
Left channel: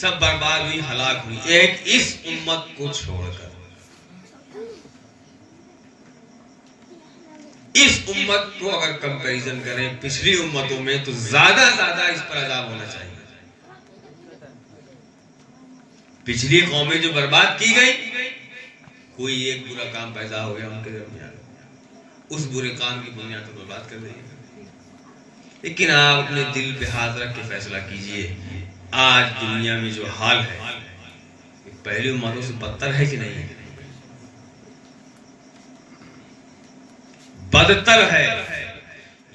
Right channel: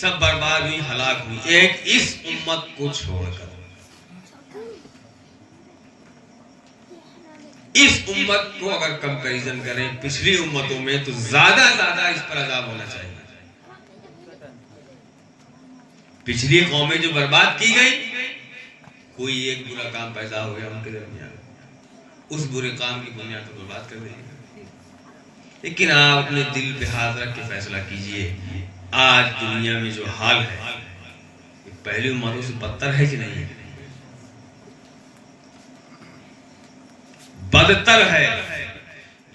سب برباد ہوئی، ہلاک ہوئی، ایک اس امت کو چھوڑ کر. اس امت کو اگر کمپیریزن کریں پچھلی امتوں میں تو زیادہ اس پر عذاب ہونا چاہیے. پچھلی قومیں جو برباد کی گئی، کوئی ایک برا کام پیدا ہو گیا ان کے درمیان، اس برے کام کی بنیاد کو برباد کر دیں. لیکن آپ اپنے دل پہ ہاتھ رکھ کے فیصلہ کیجئے، آج دنیا میں جو حال ہے پہلی امتوں سے بدتر ہے کہ نہیں؟ بدتر ہے.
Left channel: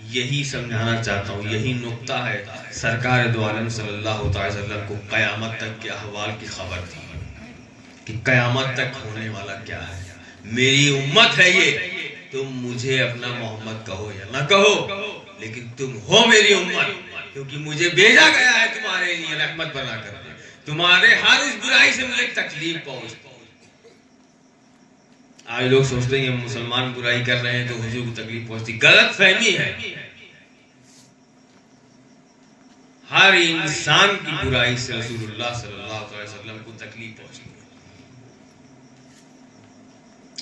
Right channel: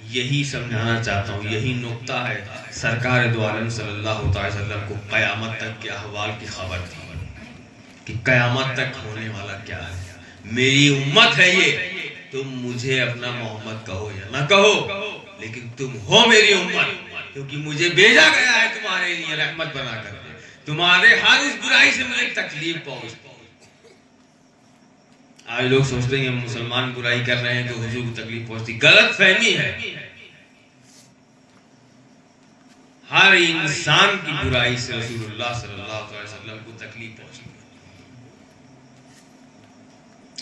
یہی سمجھانا چاہتا ہوں، یہی نقطہ ہے. سرکار دو عالم صلی اللہ تعالی وسلم کو قیامت تک کے احوال کی خبر تھی کہ قیامت تک ہونے والا کیا ہے. میری امت ہے یہ، تم مجھے اپنا محمد کہو یا نہ کہو، لیکن تم ہو میری امت، کیونکہ مجھے بھیجا گیا ہے تمہارے لیے رحمت بنا کر. تمہارے ہر اس برائی سے مجھے تکلیف پہنچ. آج لوگ سوچتے ہیں کہ مسلمان برائی کر رہے ہیں تو حضور کو تکلیف پہنچتی. غلط فہمی ہے. ہر انسان کی برائی سے رسول اللہ صلی اللہ علیہ وسلم کو تکلیف پہنچتی.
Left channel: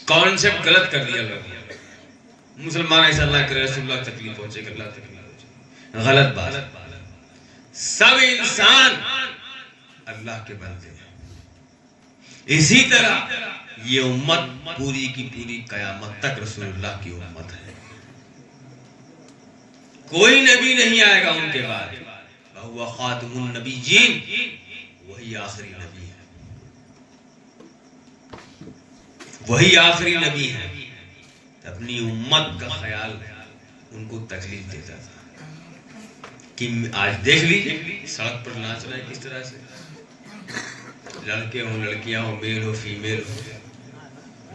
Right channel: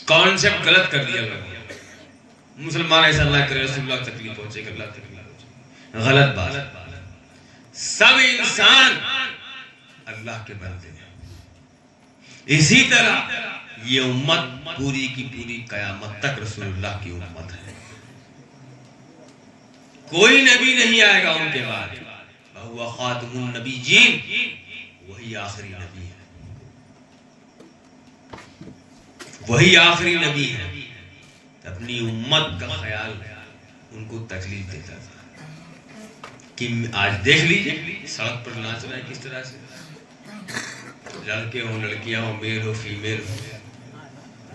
کانسیپٹ غلط کر دیا لوگوں نے. مسلمان ایسا نہ کرے رسول اللہ تکلیف پہنچے گا، اللہ تکلیف پہنچے. غلط بات. سب انسان اللہ کے بندے ہیں. اسی طرح یہ امت پوری کی پوری قیامت تک رسول اللہ کی امت ہے. کوئی نبی نہیں آئے گا ان کے بعد. وَهُوَ خَاتَمُ النَّبِيِّينَ, وہی آخری نبی ہے, وہی آخری نبی ہے. اپنی امت کا خیال ان کو تکلیف دیتا تھا کہ آج دیکھ لیجیے سڑک پر ناچ رہا ہے کس طرح سے, لڑکے ہوں لڑکیاں ہوں, میل ہو فیمیل ہو,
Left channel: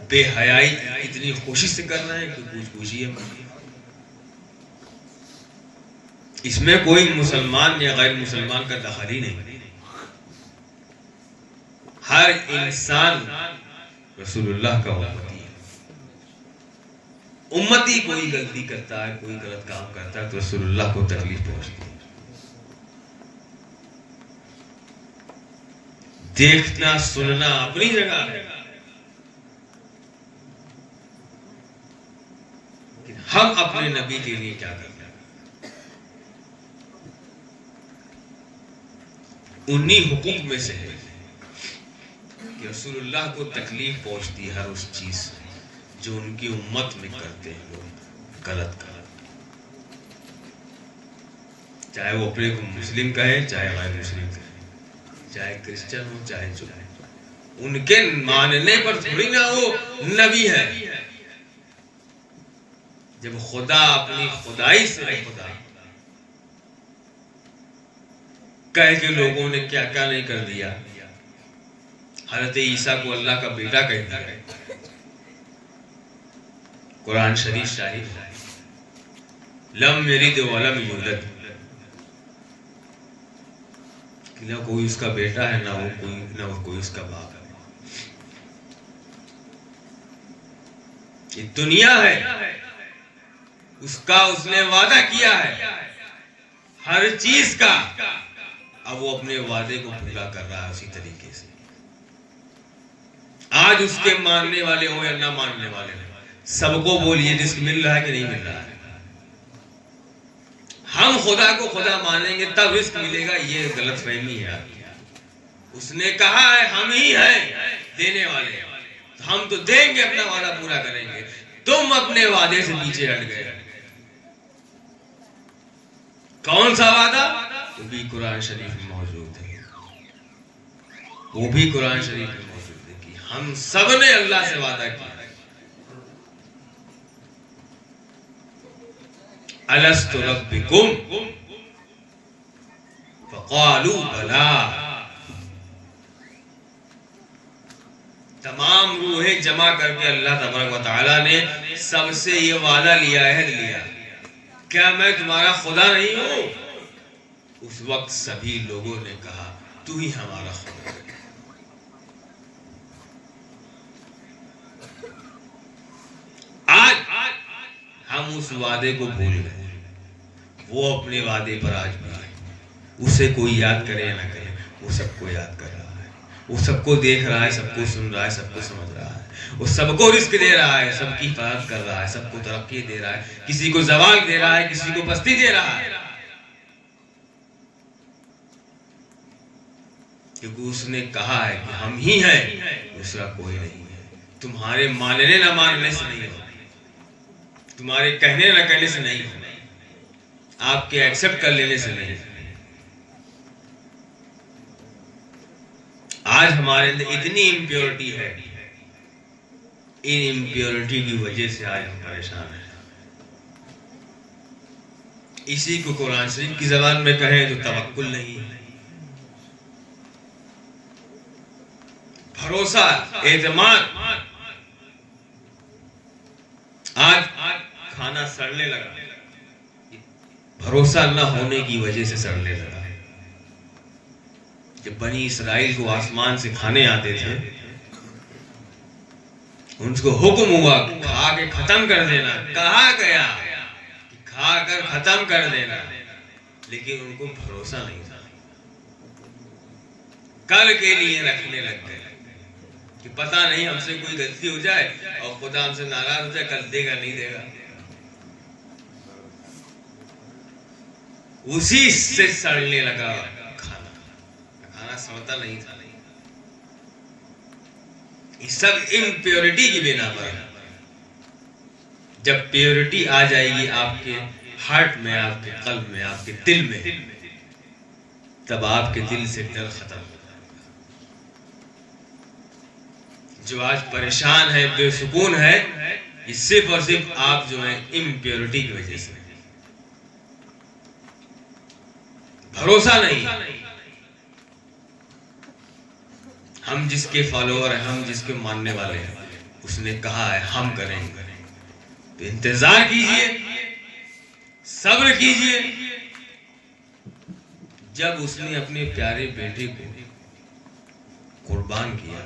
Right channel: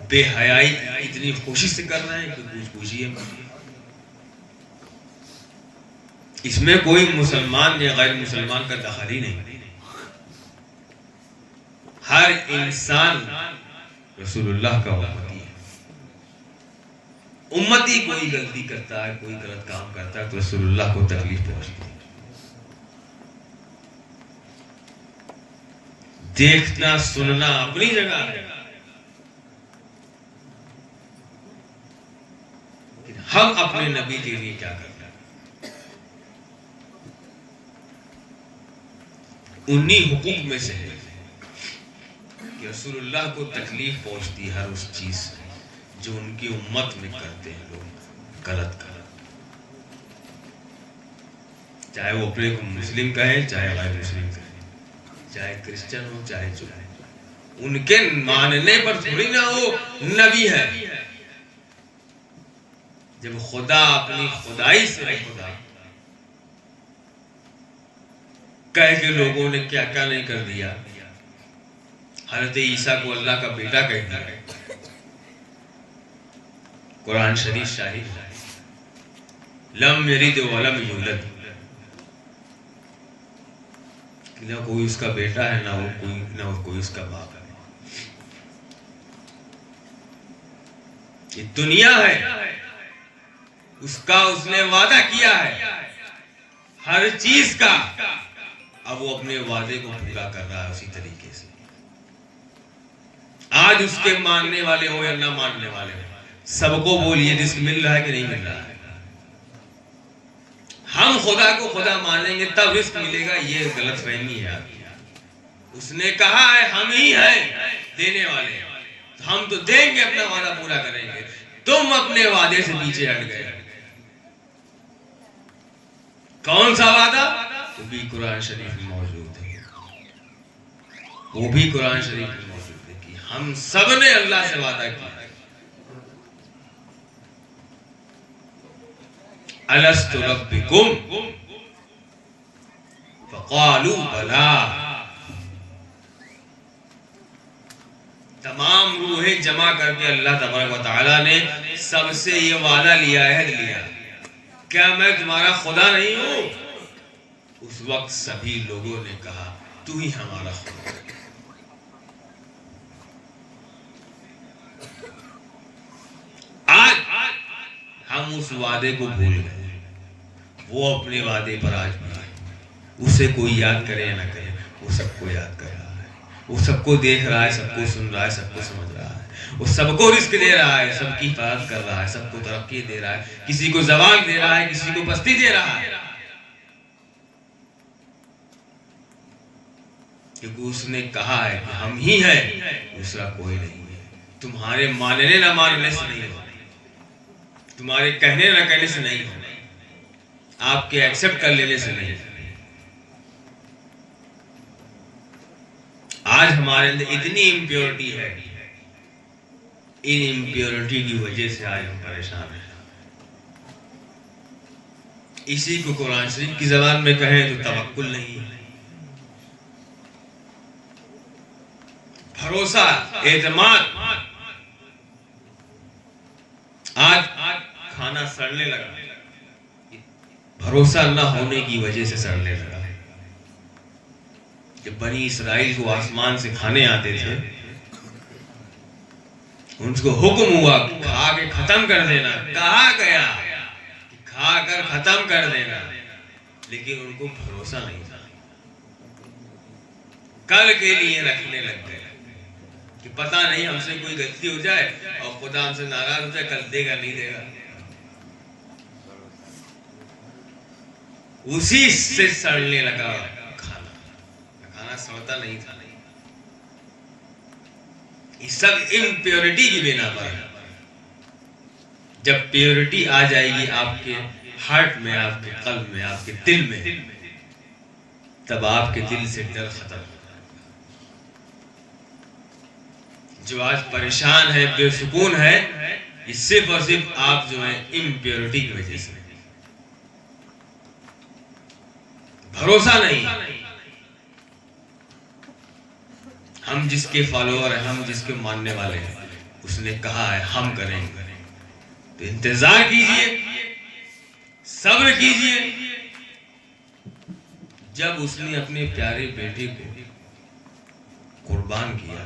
بے حیائی اتنی خوشی سے کر رہے ہیں کہ کچھ پوچھیے مت. اس میں کوئی مسلمان یا غیر مسلمان کا دخل ہی نہیں. ہر انسان رسول اللہ کا امتی ہے. امتی کوئی غلطی کرتا ہے, کوئی غلط کام کرتا ہے تو رسول اللہ کو تکلیف پہنچتی ہے. دیکھنا سننا اپنی جگہ ہے, لیکن ہم اپنے نبی کے لیے کیا کرتے ہیں؟ انہی حقوق میں سے ہے کہ رسول اللہ کو تکلیف پہنچتی ہر اس چیز سے جو ان کی امت میں کرتے ہیں لوگ غلط. چاہے وہ اپنے کو مسلم کہیں, چاہے غیر مسلم کہیں, چاہے کرسچن ہو چاہے جو ہے, ان کے ماننے پر تھوڑی نہ وہ نبی ہے. جب خدا اپنی خدائی سے خدا کہہ کے لوگوں نے کیا کیا نہیں کر دیا. حضرت عیسیٰ کو اللہ کا بیٹا کہہ دیا. قرآن شریف شاہد ہے, لم یلد ولم یولد, نہ کوئی اس کا بیٹا ہے نہ کوئی اس کا باپ ہے. یہ دنیا ہے, اس کا اس نے وعدہ کیا ہے ہر چیز کا, اب وہ اپنے وعدے کو پورا کر رہا ہے اسی طریقے سے. آج اس کے ماننے والے ہوں یا نہ ماننے والے ہوں, سب کو بولیے رزق مل رہا ہے کہ نہیں مل رہا ہے. ہم خدا کو خدا مانیں گے تب رزق ملے گا, یہ غلط فہمی ہے. اس نے کہا ہے ہم ہی ہیں دینے والے, ہم تو دیں گے, اپنا وعدہ پورا کریں گے. تم اپنے وعدے سے پیچھے ہٹ گئے. کون سا وعدہ؟ وہ بھی قرآن شریف میں موجود ہے, وہ بھی قرآن شریف میں موجود ہے کہ ہم سب نے اللہ سے وعدہ کیا الست ربکم فقالوا بلا. تمام روحیں جمع کر کے اللہ تبارک و تعالیٰ نے سب سے یہ وعدہ لیا, عہد لیا, کیا میں تمہارا خدا نہیں ہوں؟ اس وقت سبھی لوگوں نے کہا تو ہی ہمارا خدا ہے. آج ہم اس وعدے کو بھول گئے, وہ اپنے وعدے پر آج بنائے. اسے کوئی یاد کرے یا نہ کرے, وہ سب کو یاد کر رہا ہے, وہ سب کو دیکھ رہا ہے, سب کو سن رہا ہے, سب کو سمجھ رہا ہے, وہ سب کو رزق دے رہا ہے, سب کی حفاظت کر رہا ہے, سب کو ترقی دے رہا ہے, کسی کو زوال دے رہا ہے, کسی کو پستی دے رہا ہے, کیونکہ اس نے کہا ہے کہ ہم ہی ہیں, دوسرا کوئی نہیں ہے. تمہارے ماننے نہ ماننے سے نہیں ہو, تمہارے کہنے نہ کہنے سے نہیں ہو, آپ کے ایکسپٹ کر لینے سے نہیں. آج ہمارے اندر اتنی امپیورٹی ہے, ان امپیورٹی کی وجہ سے آج ہم پریشان ہیں. اسی کو قرآن شریف کی زبان میں کہیں تو توکل نہیں ہے, بھروسہ, اعتماد. آج کھانا سڑنے لگا, بھروسہ نہ ہونے کی وجہ سے سڑنے لگا. جب بنی اسرائیل کو آسمان سے کھانے آتے تھے, ان کو حکم ہوا کھا کے ختم کر دینا, کہا گیا کہ کھا کر ختم کر دینا, لیکن ان کو بھروسہ نہیں تھا. کل کے لیے رکھنے لگ گئے کہ پتہ نہیں ہم سے کوئی غلطی ہو جائے اور خدا ہم سے ناراض ہو جائے, کل دے گا نہیں دے گا. اسی سے سڑنے لگا کھانا. کھانا سڑتا نہیں تھا. یہ سب امپیورٹی کی بنا پر ہے. جب پیورٹی آ جائے گی آپ کے ہارٹ میں، آپ کے قلب میں، آپ کے دل میں، تب آپ کے دل سے ڈر ختم ہوگا. جو آج پریشان ہے، بے سکون ہے، یہ صرف اور صرف آپ جو ہیں امپیورٹی کی وجہ سے. بھروسہ نہیں. ہم جس کے فالوور ہیں، ہم جس کے ماننے والے ہیں، اس نے کہا ہے ہم کریں گے، تو انتظار کیجئے، صبر کیجئے. جب اس نے اپنے پیارے بیٹے کو قربان کیا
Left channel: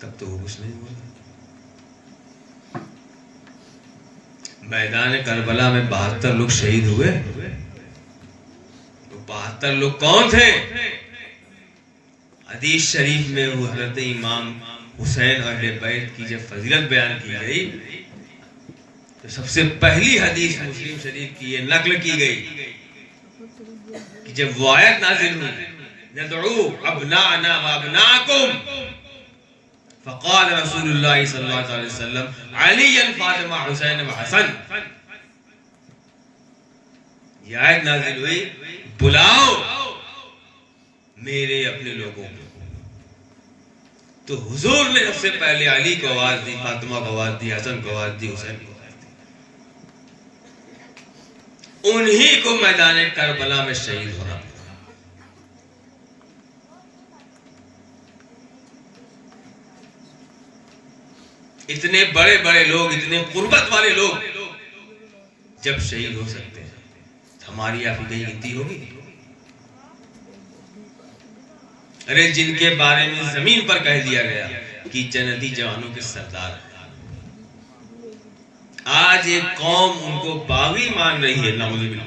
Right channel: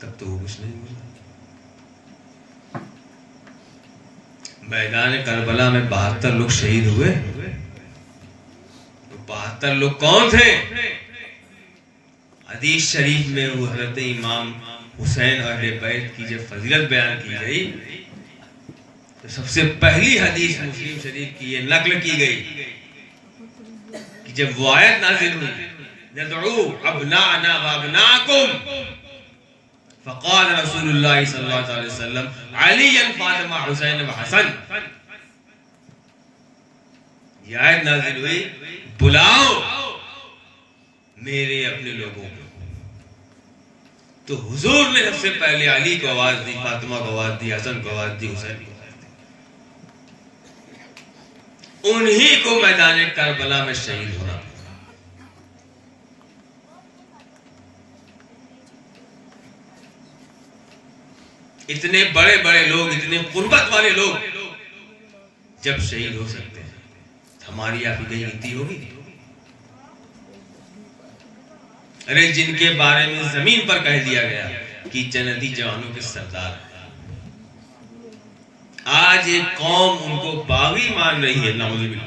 تب تو وہ کچھ نہیں ہوا. میدان کربلا میں 72 لوگ شہید ہوئے. 72 لوگ کون تھے؟ حدیث شریف میں وہ حضرت امام حسین اور اہل بیت کی جب فضیلت بیان کی گئی تو سب سے پہلی حدیث مسلم شریف کی یہ نقل کی گئی کہ جب وہ آیت نازل ہوئی ندعو ابناءنا وابناءکم، فقال رسول اللہ صلی اللہ علیہ وسلم علی فاطمہ حسین و حسن. یہ آیت نازل ہوئی بلاؤ میرے اپنے لوگوں کو. تو حضور نے سب سے پہلے علی کو آواز دی، فاطمہ کو آواز دی، حسن کو آواز دی، حسین کو آواز دی. انہی کو میدان کربلا میں شہید ہونا. اتنے بڑے بڑے لوگ، اتنے قربت والے لوگ جب شہید ہو سکتے ہیں، ہماری آپ کی غلطی ہوگی. ارے جن کے بارے میں زمین پر کہہ دیا گیا کہ جنتی جوانوں کے سردار ہیں، آج ایک قوم ان کو باغی مان رہی ہے. نعوذ باللہ.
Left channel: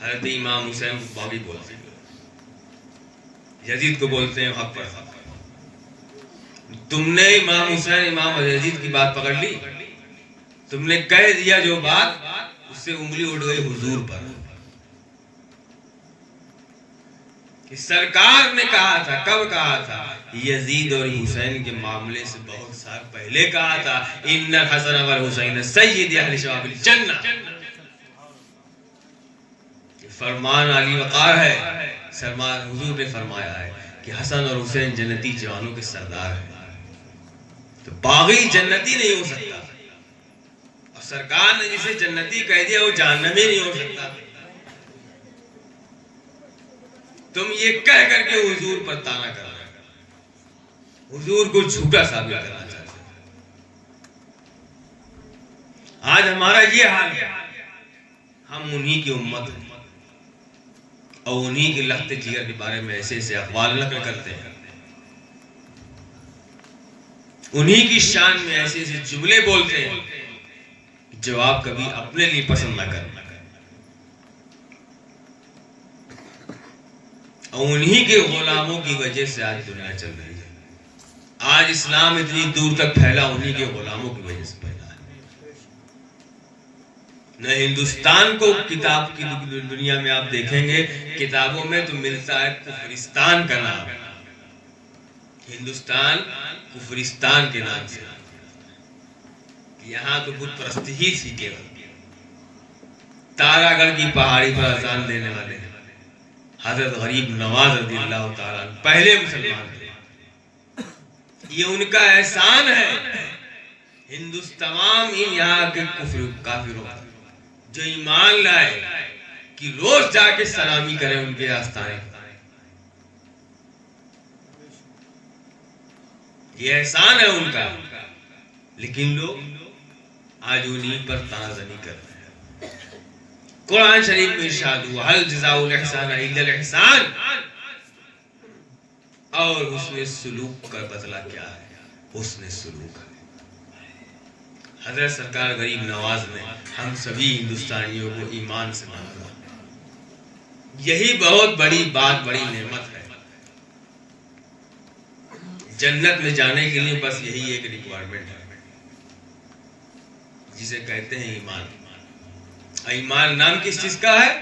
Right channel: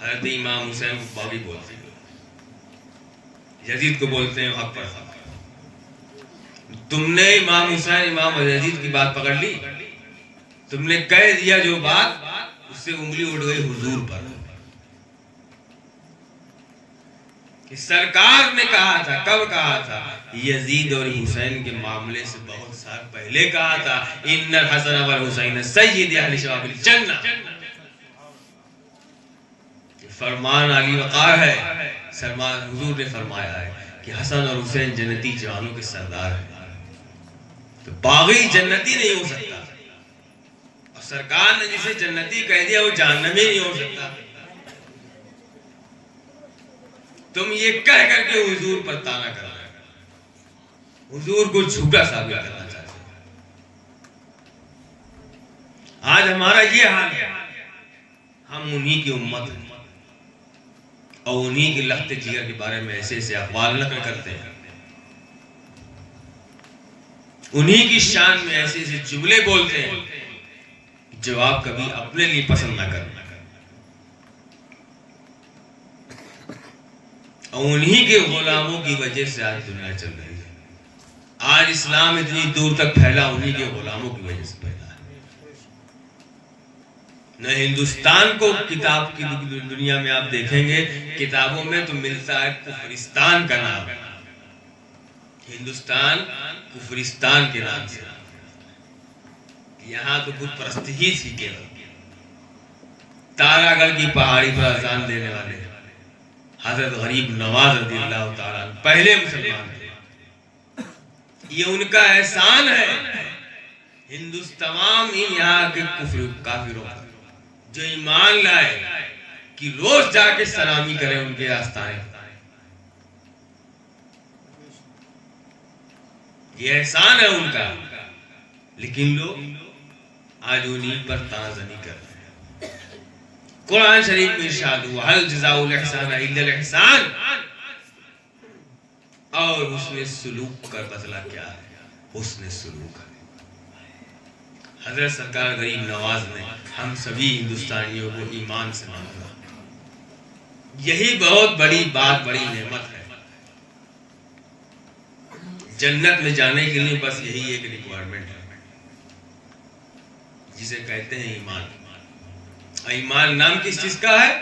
حضرت امام حسین کو باغی بولتے ہیں، یزید کو بولتے ہیں حق پر حق. تم نے امام حسین، امام یزید کی بات پکڑ لی، تم نے کہہ دیا جو بات، اس سے انگلی اٹھ گئی حضور پر. کہ سرکار نے کہا تھا، کب کہا تھا؟ یزید اور حسین کے معاملے سے بہت سال پہلے کہا تھا ان الحسن والحسین سید اہل شباب الجنہ. فرمان علی وقار ہے. سرمان حضور نے فرمایا ہے کہ حسن اور حسین جنتی جوانوں کے سردار ہیں. تو باغی جنتی نہیں ہو سکتا، اور سرکار نے جسے جنتی کہہ دیا وہ جہنمی نہیں ہو سکتا. تم یہ کہہ کر کے حضور پر تانا کر رہے ہو، حضور کو جھوٹا ثابت کرنا چاہتے ہو. آج ہمارا یہ حال ہے. ہم انہی کی امت ہیں اور انہی کے لخت جگر کے بارے میں ایسے ایسے اقوال نقل کرتے ہیں، انہی کی شان میں ایسے ایسے جملے بولتے ہیں جو آپ کبھی اپنے لیے پسند نہ کرنا. اور انہی کے غلاموں کی وجہ سے آج دنیا چل رہی ہے. آج اسلام اتنی دور تک پھیلا انہی کے غلاموں کی وجہ سے پھیلا ہے. نہ ہندوستان کو کتاب کی دنیا میں آپ دیکھیں گے کتابوں میں تو ملتا ہے کفرستان کا نام. ہندوستان کفرستان کے نام سے. یہاں تو بت پرستی ہی تھی کیول. تارا گڑھ کی پہاڑی پر اذان دینے والے حضرت غریب نواز رضی اللہ تعالیٰ پہلے مسلمان تھے. یہ ان کا احسان ہے تمام ان یہاں کے کافروں جو ایمان لائے کہ روز جا کے سلامی کریں ان کے آستانے. یہ احسان ہے ان کا. لیکن لوگ آج انہیں پر تانازنی کر رہے ہیں. قرآن شریف میں ارشاد ہوا هل جزاء الاحسان الا الاحسان. اور حسن سلوک کا بدلہ کیا ہے؟ حسن سلوک. حضرت سرکار غریب نواز نے ہم سبھی ہندوستانیوں کو ایمان سے مانگا. یہی بہت بڑی بات، بڑی نعمت ہے. جنت میں جانے کے لیے بس یہی ایک ریکوائرمنٹ ہے جسے کہتے ہیں ایمان. ایمان نام کس چیز کا ہے؟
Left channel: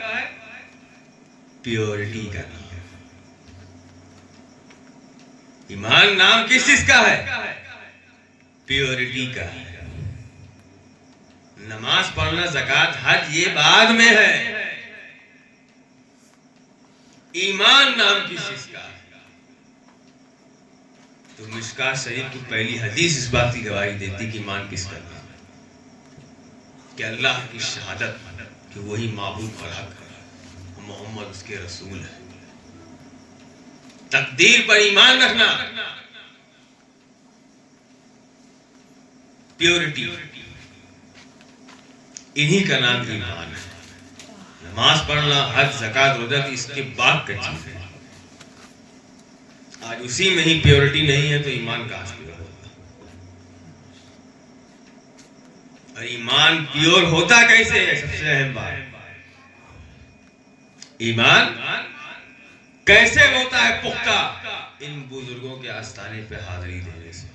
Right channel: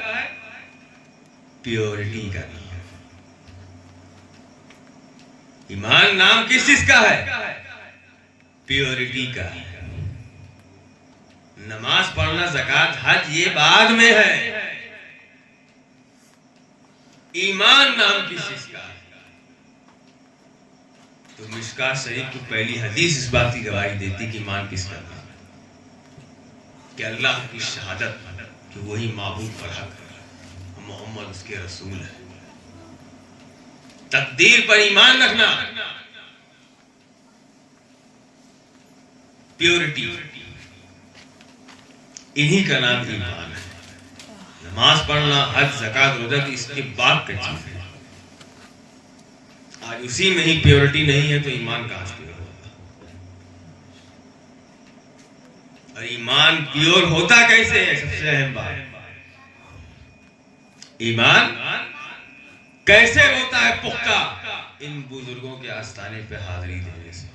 پیورٹی کا نام. ایمان نام کس چیز کا ہے؟ پیورٹی کا. نماز پڑھنا، زکات، حج یہ بعد میں ہے. ایمان نام کس چیز کا ہے؟ تو مشکاۃ شریف کی پہلی حدیث اس بات کی گواہی دیتی کہ ایمان کس کا نام ہے؟ کہ اللہ کی شہادت کہ وہی معبود پر حق ہے، محمد اس کے رسول ہے. تقدیر پر ایمان رکھنا، پیورٹی، انہی کا نام ایمان ہے. نماز پڑھنا، حج، زکات، روزہ اس کے بعد کا چیز ہے. آج اسی میں ہی پیورٹی نہیں ہے تو ایمان کہاں سے پیور ہوتا؟ اور ایمان پیور ہوتا کیسے ہے؟ سب سے اہم بات، ایمان کیسے ہوتا ہے پختہ؟ ان بزرگوں کے آستانے پہ حاضری دینے سے،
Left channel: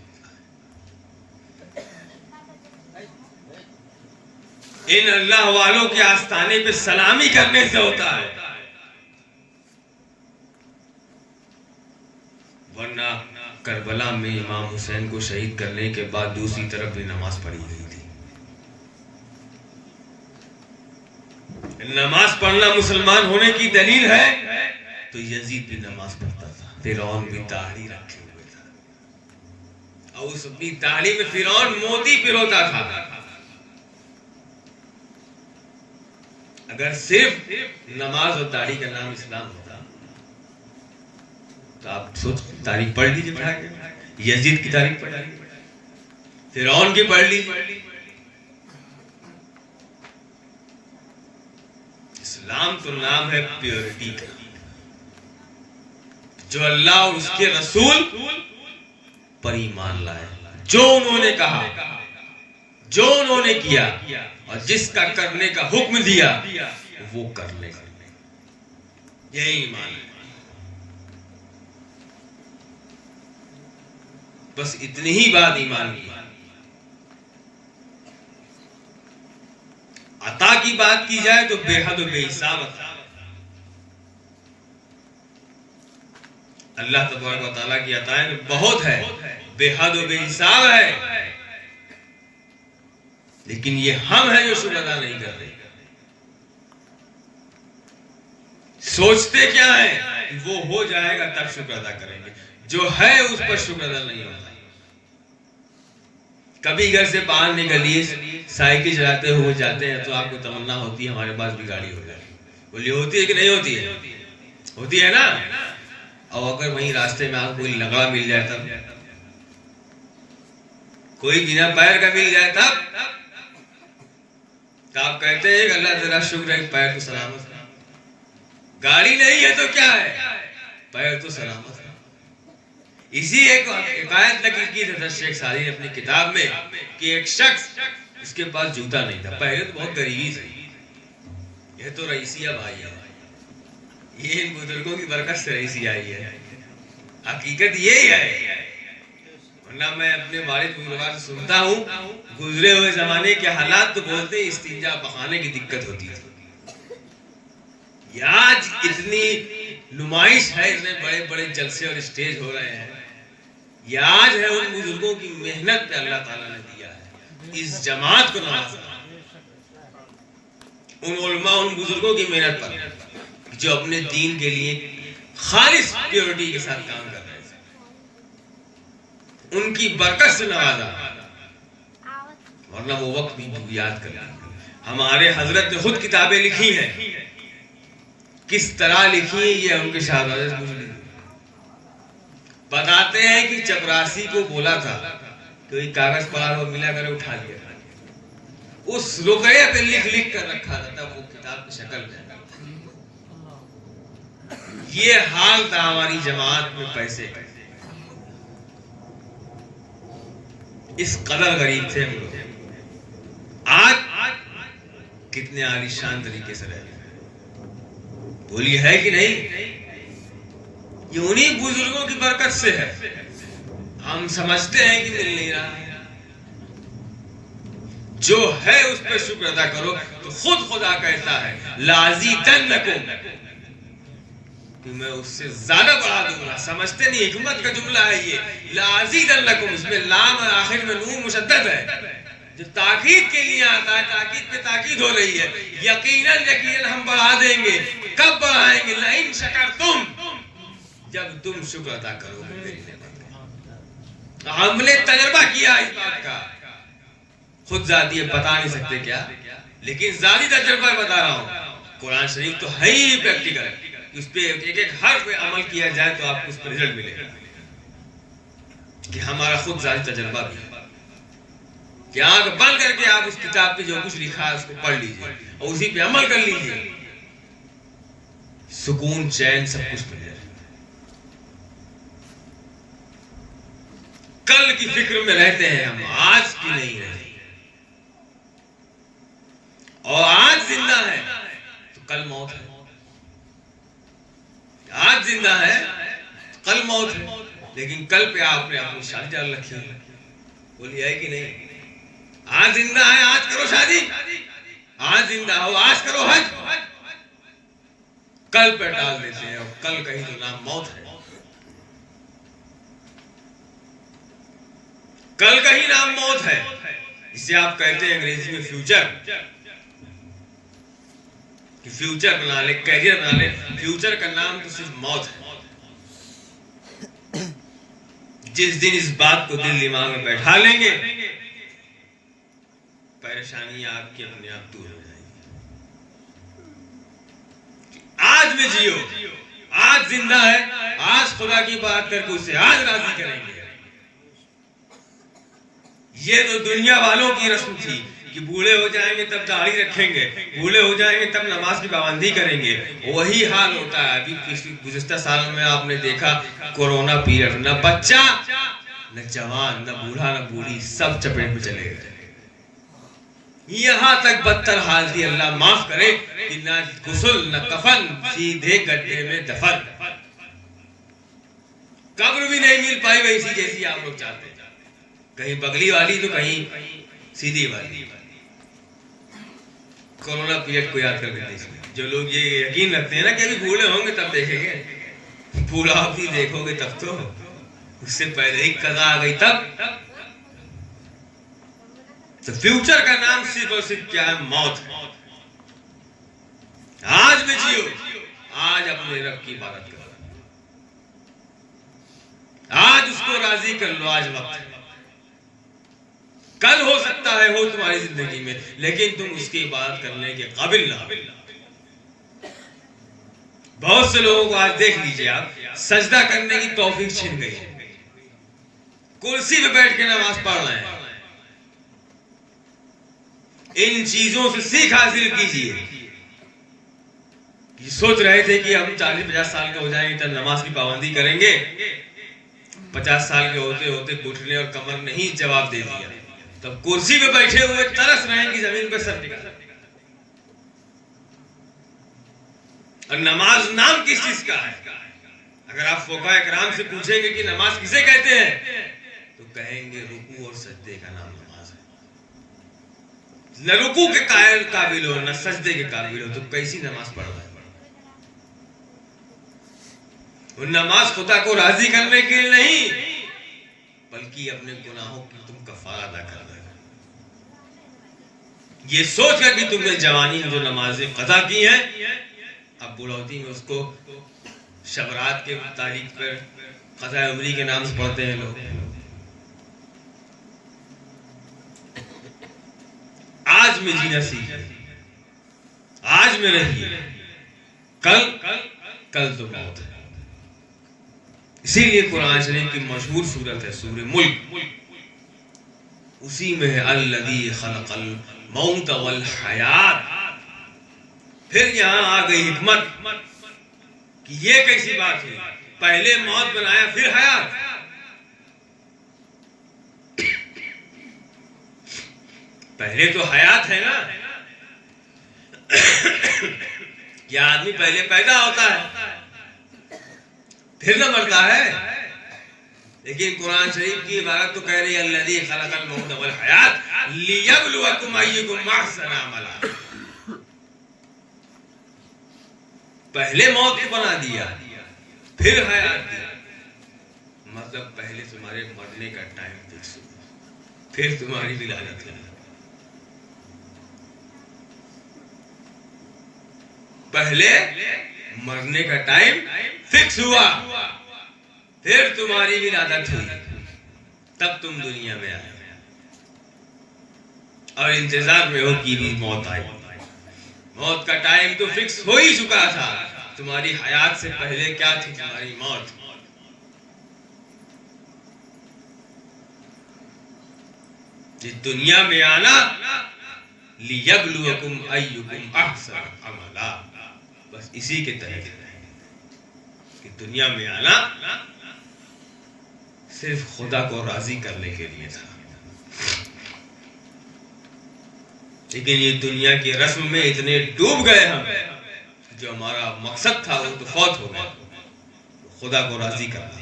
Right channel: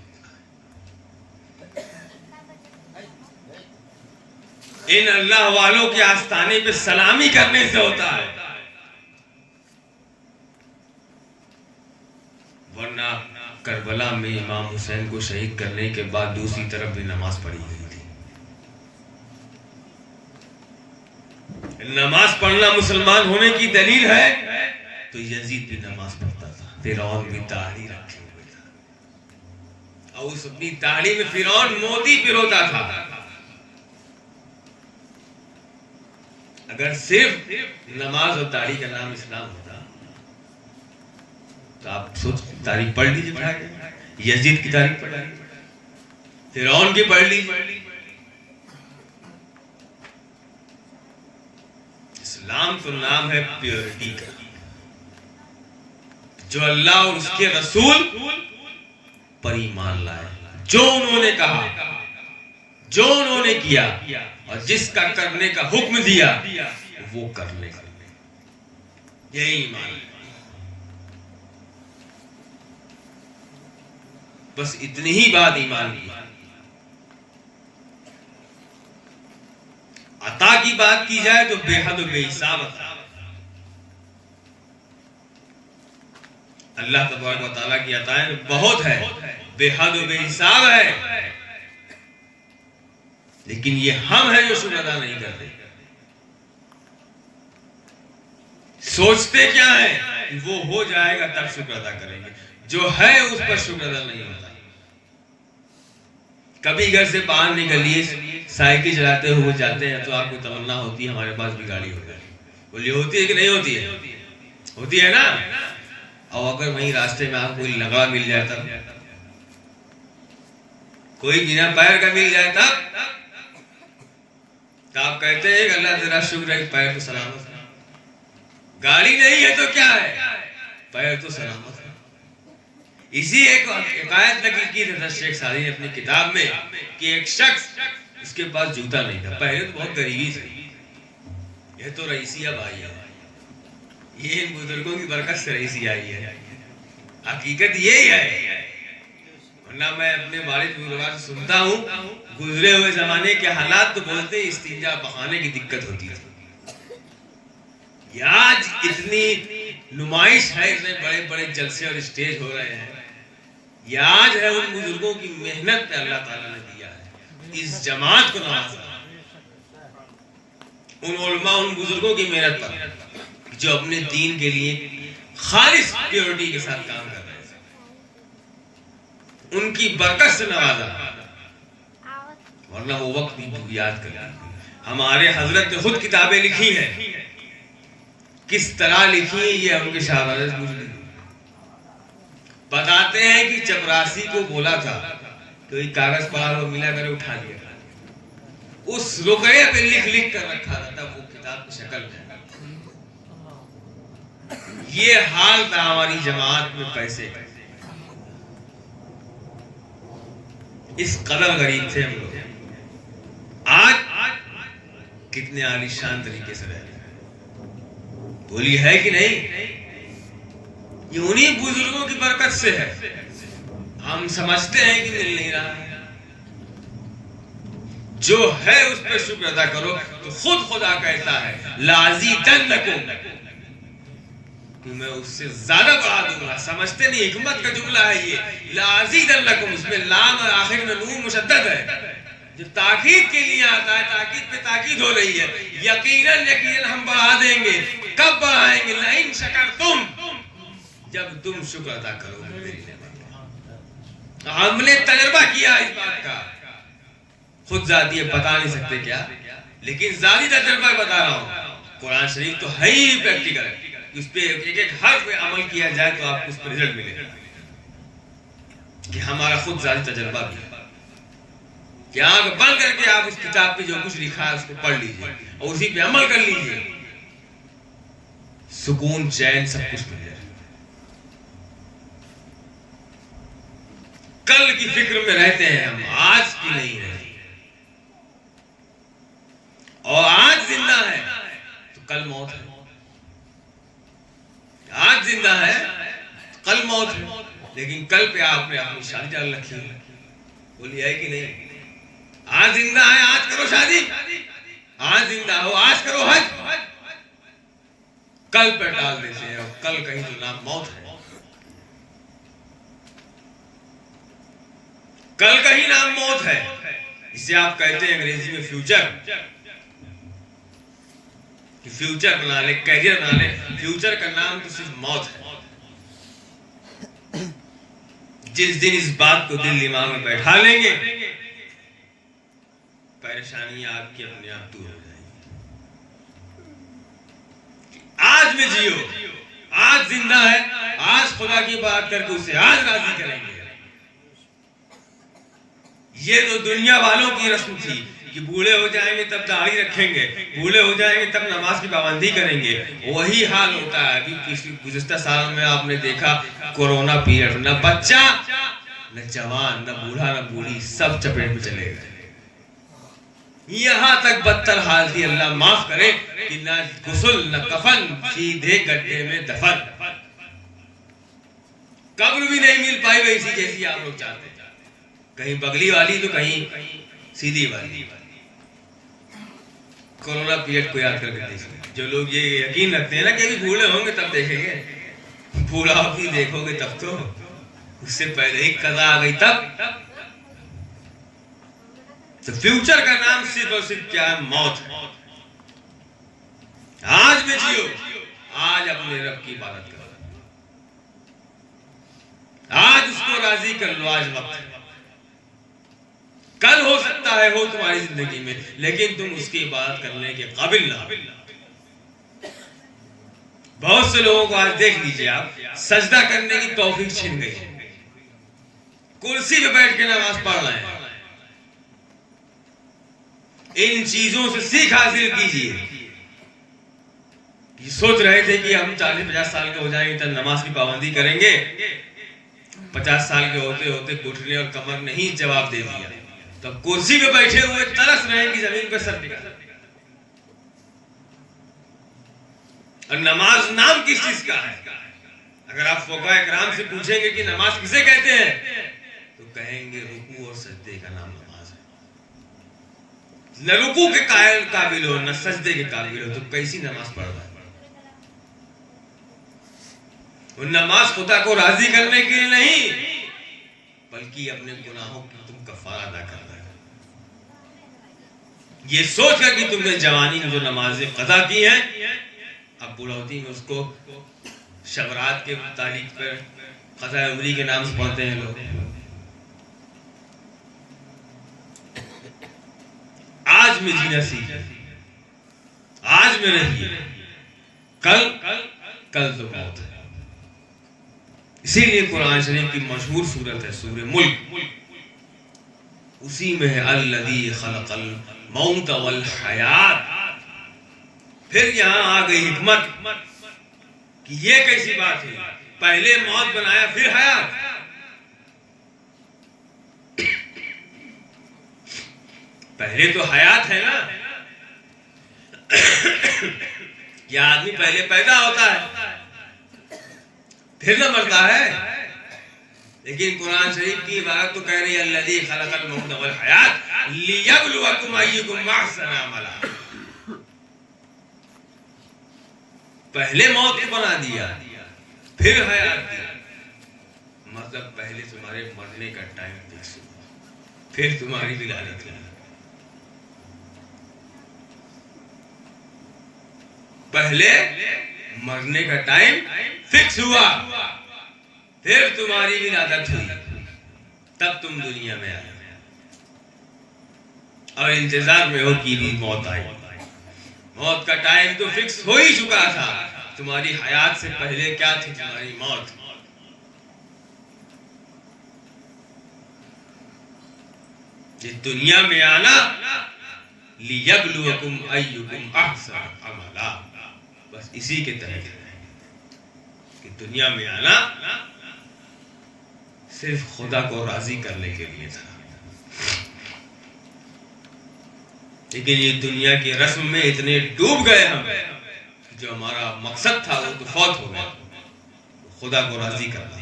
ان اللہ والوں کے آستانے پہ سلامی کرنے سے ہوتا ہے. ورنہ کربلا میں امام حسین کو شہید کرنے کے بعد دوسری طرف بھی نماز پڑھی گئی تھی. نماز پڑھنا مسلمان ہونے کی دلیل ہے تو یزید بھی نماز پڑھتا تھا، فرعون بھی داڑھی رکھے ہوئے تھا، اور اس اپنی داڑھی میں فرعون موتی پروتا تھا. اگر صرف نماز اور داڑھی کا نام اسلام ہوتا تو آپ سوچ تاریخ پڑھ لیجیے، یزید کی تاریخ پڑھ لیجیے، فرعون کی پڑھ لیجیے. اسلام تو نام ہے پیورٹی کا. جو اللہ اور اس کے رسول پر ایمان لائے، جو انہوں نے کہا، جو انہوں نے کیا، اور جس کا کرنے کا حکم دیا وہ کرنے کا، یہی ایمان ہے. بس اتنی ہی بات ایمان کی. عطا کی بات کی جائے تو بے حد و بے حساب عطا. اللہ تبارک و تعالیٰ کی عطائیں بہت ہے، بے حد و بے حساب ہے، لیکن یہ ہم ہیں جو شکر ادا نہیں کرتے. سوچتے کیا ہے وہ ہو جائے گا تب شکر ادا کریں گے، جو ہے اس پر شکر ادا نہیں ہوتا. کبھی گھر سے باہر نکلیے، سائیکل چلاتے ہوئے جاتے ہیں تو آپ کو تمنا ہوتی ہے ہمارے پاس بھی گاڑی ہو جائے. بولیے ہوتی ہے کہ نہیں ہوتی ہے؟ ہوتی ہے نا. اور اگر وہیں راستے میں آپ کو کوئی لنگڑا مل جائے تب، کوئی بنا پیر کا مل جائے تب آپ کہتے ہیں کہ اللہ تیرا شکر ہے کہ پیر تو سلامت ہے. گاڑی نہیں ہے تو کیا ہے، پیر تو سلامت ہے. اسی ایک حکایت نقل کی حضرت شیخ سعدی نے اپنی کتاب میں کہ ایک شخص اس کے پاس جوتا نہیں تھا. پہلے تو بہت غریبی تھی، یہ تو رئیسیہ بھائی ہے، یہ ان بزرگوں کی برکت سے رئیسی آئی ہے. حقیقت یہی ہے. ورنہ میں اپنے والد بزرگوں سے سنتا ہوں گزرے ہوئے زمانے کے حالات تو بولتے ہیں استنجا بہانے کی دقت ہوتی ہے. آج اتنی نمائش ہے، اتنے بڑے بڑے جلسے اور اسٹیج ہو رہے ہیں. یہ آج ہے ان بزرگوں کی محنت پہ اللہ تعالیٰ نے دیا ہے. اس جماعت کو نوازا، ان علماء، ان بزرگوں کی محنت پر جو اپنے دین کے لیے خالص پیورٹی کے ساتھ کام کر رہے ہیں. ان کی برکت سے نوازا. ورنہ وہ وقت بھی یاد کریں. ہمارے حضرت نے خود کتابیں لکھی ہیں، کس طرح لکھی ہے یہ ہم کے شہزادے بتاتے ہیں کہ چپراسی کو بولا تھا کوئی کاغذ پڑا ہوا ملا کرے اٹھا دیا، اس رقیہ پہ لکھ لکھ کر رکھا تھا تب وہ کتاب کی شکل میں. یہ حال تھا ہماری جماعت میں پیسے کا. اس قدر غریب تھے ہم لوگ. آج کتنے عالیشان طریقے سے رہتے ہیں. بولی ہے کہ نہیں؟ یہ انہی بزرگوں کی برکت سے ہے. ہم سمجھتے ہیں کہ مل نہیں رہا. جو ہے اس پر شکر ادا کرو. تو خود خدا کہتا ہے لازیدنکم، کہ میں اس سے زیادہ بڑھا دوں گا. سمجھتے نہیں، حکمت کا جملہ ہے یہ. لازیدنکم، اس میں لام آخر میں نون مشدد ہے جو تاکید کے لیے آتا ہے. تاکید پہ تاکید ہو رہی ہے. یقیناً ہم بڑھا دیں گے. کب بڑھائیں گے؟ لئن شکرتم، جب تم شکر ادا کرو گے میری نعمت کا. ہم نے تجربہ کیا اس بات کا. خود ذاتی بتا نہیں سکتے کیا، لیکن ذاتی تجربہ بتا رہا ہوں. قرآن شریف تو ہے ہی پریکٹیکل. اس پہ ایک ایک حرف پہ عمل کیا جائے تو آپ کو اس پر رزلٹ ملے گا. کہ ہمارا خود ذاتی تجربہ بھی ہے کہ آنکھ بند کر کے آپ اس کتاب پہ جو کچھ لکھا ہے اس کو پڑھ لیجیے اور اسی پہ عمل کر لیجیے. سکون، چین، سب کچھ مل جائے. کل کی فکر میں رہتے ہیں ہم، آج کی نہیں رہتے. اور آج زندہ ہے تو کل موت ہے. آج زندہ ہے کل موت ہے. لیکن کل پہ آپ نے اپنی شادی ڈال رکھی ہے. بولیے ہے کہ نہیں؟ آج زندہ ہے، آج کرو شادی. آج زندہ ہو، آج کرو حج. کل پہ ڈال دیتے ہیں اور کل کہیں تو نام موت ہے. کل کا ہی نام موت ہے. اسے آپ کہتے ہیں انگریزی میں فیوچر. کہ فیوچر بنا لے، کیریئر بنا لے. فیوچر کا نام تو صرف موت ہے. جس دن اس بات کو دل دماغ میں بیٹھا لیں گے، پریشانی آپ کی اپنے آپ دور ہو جائے گی. آج میں جیو، آج زندہ ہے، آج خدا کی بات کر کے اسے آج راضی کریں گے. یہ تو دنیا والوں کی رسم تھی کہ بوڑھے ہو جائیں گے تب داڑھی رکھیں گے، بوڑھے ہو جائیں گے تب نماز کی پابندی کریں گے. وہی حال ہوتا ہے. ابھی گزشتہ سال میں آپ نے دیکھا کورونا پیریڈ، نہ بچہ نہ جوان نہ بوڑھا نہ بوڑھی، سب چپیٹ میں چلے گئے. یہاں تک بدتر حال تھی، اللہ معاف کرے، کہ نہ غسل نہ کفن، سیدھے گڈھے میں دفن. قبر بھی نہیں مل پائی ویسی جیسی آپ لوگ چاہتے ہیں. کہیں بگلی والی تو کہیں سیدھی والی. کورونا پیریڈ کو یاد کر کے جو لوگ یہ یقین رکھتے ہیں نا کہ ابھی بوڑھے ہوں گے تب دیکھیں گے، بوڑھا بھی دیکھو گے تب تو اس سے پہلے ہی قضا آ گئی تب. تو فیوچر کا نام صرف اور صرف کیا ہے؟ موت. آج میں جیو، آج اپنے رب کی عبادت کرو، آج اس کو راضی کر لو. آج وقت ہے. کل ہو سکتا ہے ہو تمہاری زندگی میں، لیکن تم اس کی عبادت کرنے کے قابل نہ ہو. بہت سے لوگوں کو آج دیکھ لیجئے آپ، سجدہ کرنے کی توفیق چھن گئی، کرسی پہ بیٹھ کے نماز پڑھ رہے ہیں. ان چیزوں سے سیکھ حاصل کیجئے. یہ سوچ رہے تھے کہ ہم 40-50 سال کے ہو جائیں گے تب نماز کی پابندی کریں گے. 50 سال کے ہوتے ہوتے گھٹنے اور کمر نے ہی جواب دے دیا. تب کرسی پہ بیٹھے ہوئے ترس رہے ہیں کہ زمین پہ سر ٹکا. اور نماز نام کس چیز کا ہے؟ اگر آپ فقہاء کرام سے پوچھیں گے کہ نماز کسے کہتے ہیں تو کہیں گے رکوع اور سجدے کا نام نماز ہے. نہ رکوع کے قابل ہو نہ سجدے کے قابل ہو تو کیسی نماز پڑھ رہا ہے؟ وہ نماز خدا کو راضی کرنے کے لیے نہیں، بلکہ اپنے گناہوں کی تم کفارہ ادا کرنا ہے. یہ سوچ کر کہ تم نے جوانی میں جو نمازیں قضا کی ہیں، اب بڑھوتی میں اس کو شب رات کے تاریخ پر قضاء عمری کے نام سے پڑھتے ہیں لوگ. آج میں جینا سیکھیں، آج میں رہیے. کل تو موت ہے. اسی لیے قرآن شریف کی مشہور سورت ہے سورہ ملک. اسی میں ہے الذی خلق الموت والحیات. پھر یہاں آ گئی حکمت کہ یہ کیسی بات ہے، پہلے موت بنایا پھر حیات. پہلے تو حیات ہے نا، یہ آدمی پہلے پیدا ہوتا ہے پھر نہ مرتا ہے. لیکن قرآن شریف کی عبارت تو کہہ رہی ہے الذی خلق الموت والحیات، لِيَبْلُوَكُمْ أَيُّكُمْ أَحْسَنُ عَمَلًا. پہلے موت کو بنا دیا پھر حیات دیا. مطلب پہلے تمہارے مرنے کا ٹائم فکس ہوا پھر تمہاری ولادت ہوئی. پہلے مرنے کا ٹائم فکس ہوا پھر تمہاری ولادت ہوئی تب تم دنیا میں آئے اور انتظار میں ہو کہ موت آئی. موت کا ٹائم تو فکس ہو ہی چکا تھا. تمہاری حیات سے پہلے کیا تھی؟ تمہاری موت. جس دنیا میں آنا لِيَبْلُوَكُمْ أَيُّكُمْ أَحْسَنُ عَمَلًا. بس اسی کے تحت کہ دنیا میں آنا صرف خدا کو راضی کرنے کے لیے تھا. لیکن یہ دنیا کی رسم میں اتنے ڈوب گئے ہم جو ہمارا مقصد تھا وہ تو فوت ہو گیا. خدا کو راضی کرنا.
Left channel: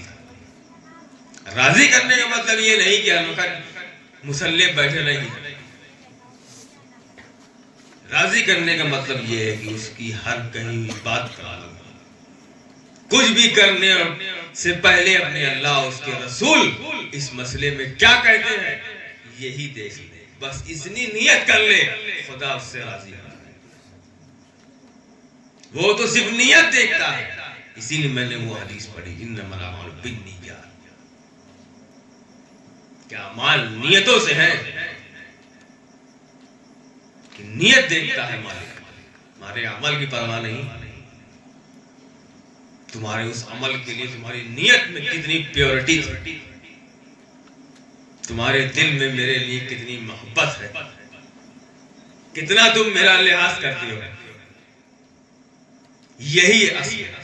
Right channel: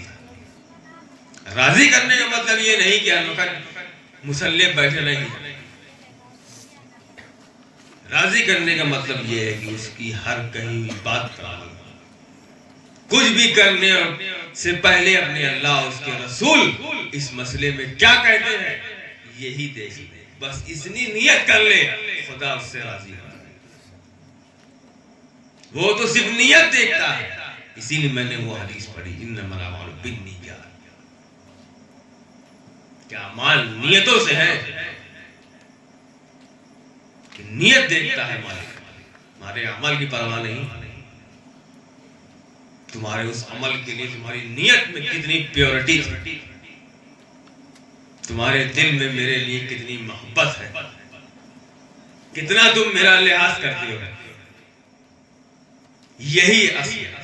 راضی کرنے کا مطلب یہ نہیں کہ ہر وقت مسلح بیٹھے نہیں. راضی کرنے کا مطلب یہ ہے کہ اس کی ہر کہی ہوئی بات پر عمل. کچھ بھی کرنے سے پہلے اپنے اللہ اور اس کے رسول اس مسئلے میں کیا کہتے ہیں یہی دیکھ لے. بس اتنی نیت کر لے خدا اس سے راضی ہے. وہ تو صرف نیت دیکھتا ہے. اسی لیے میں نے وہ حدیث پڑھی انما الاعمال بالنیات. کیا اعمال نیتوں سے ہے کہ نیت دیکھتا ہے مالک. ہمارے عمل کی پرواہ نہیں. تمہارے اس عمل کے لیے تمہاری نیت میں کتنی پیورٹی ہے. تمہارے دل میں میرے لیے کتنی محبت ہے. کتنا تم میرا لحاظ کرتے ہو. یہی اصل ہے.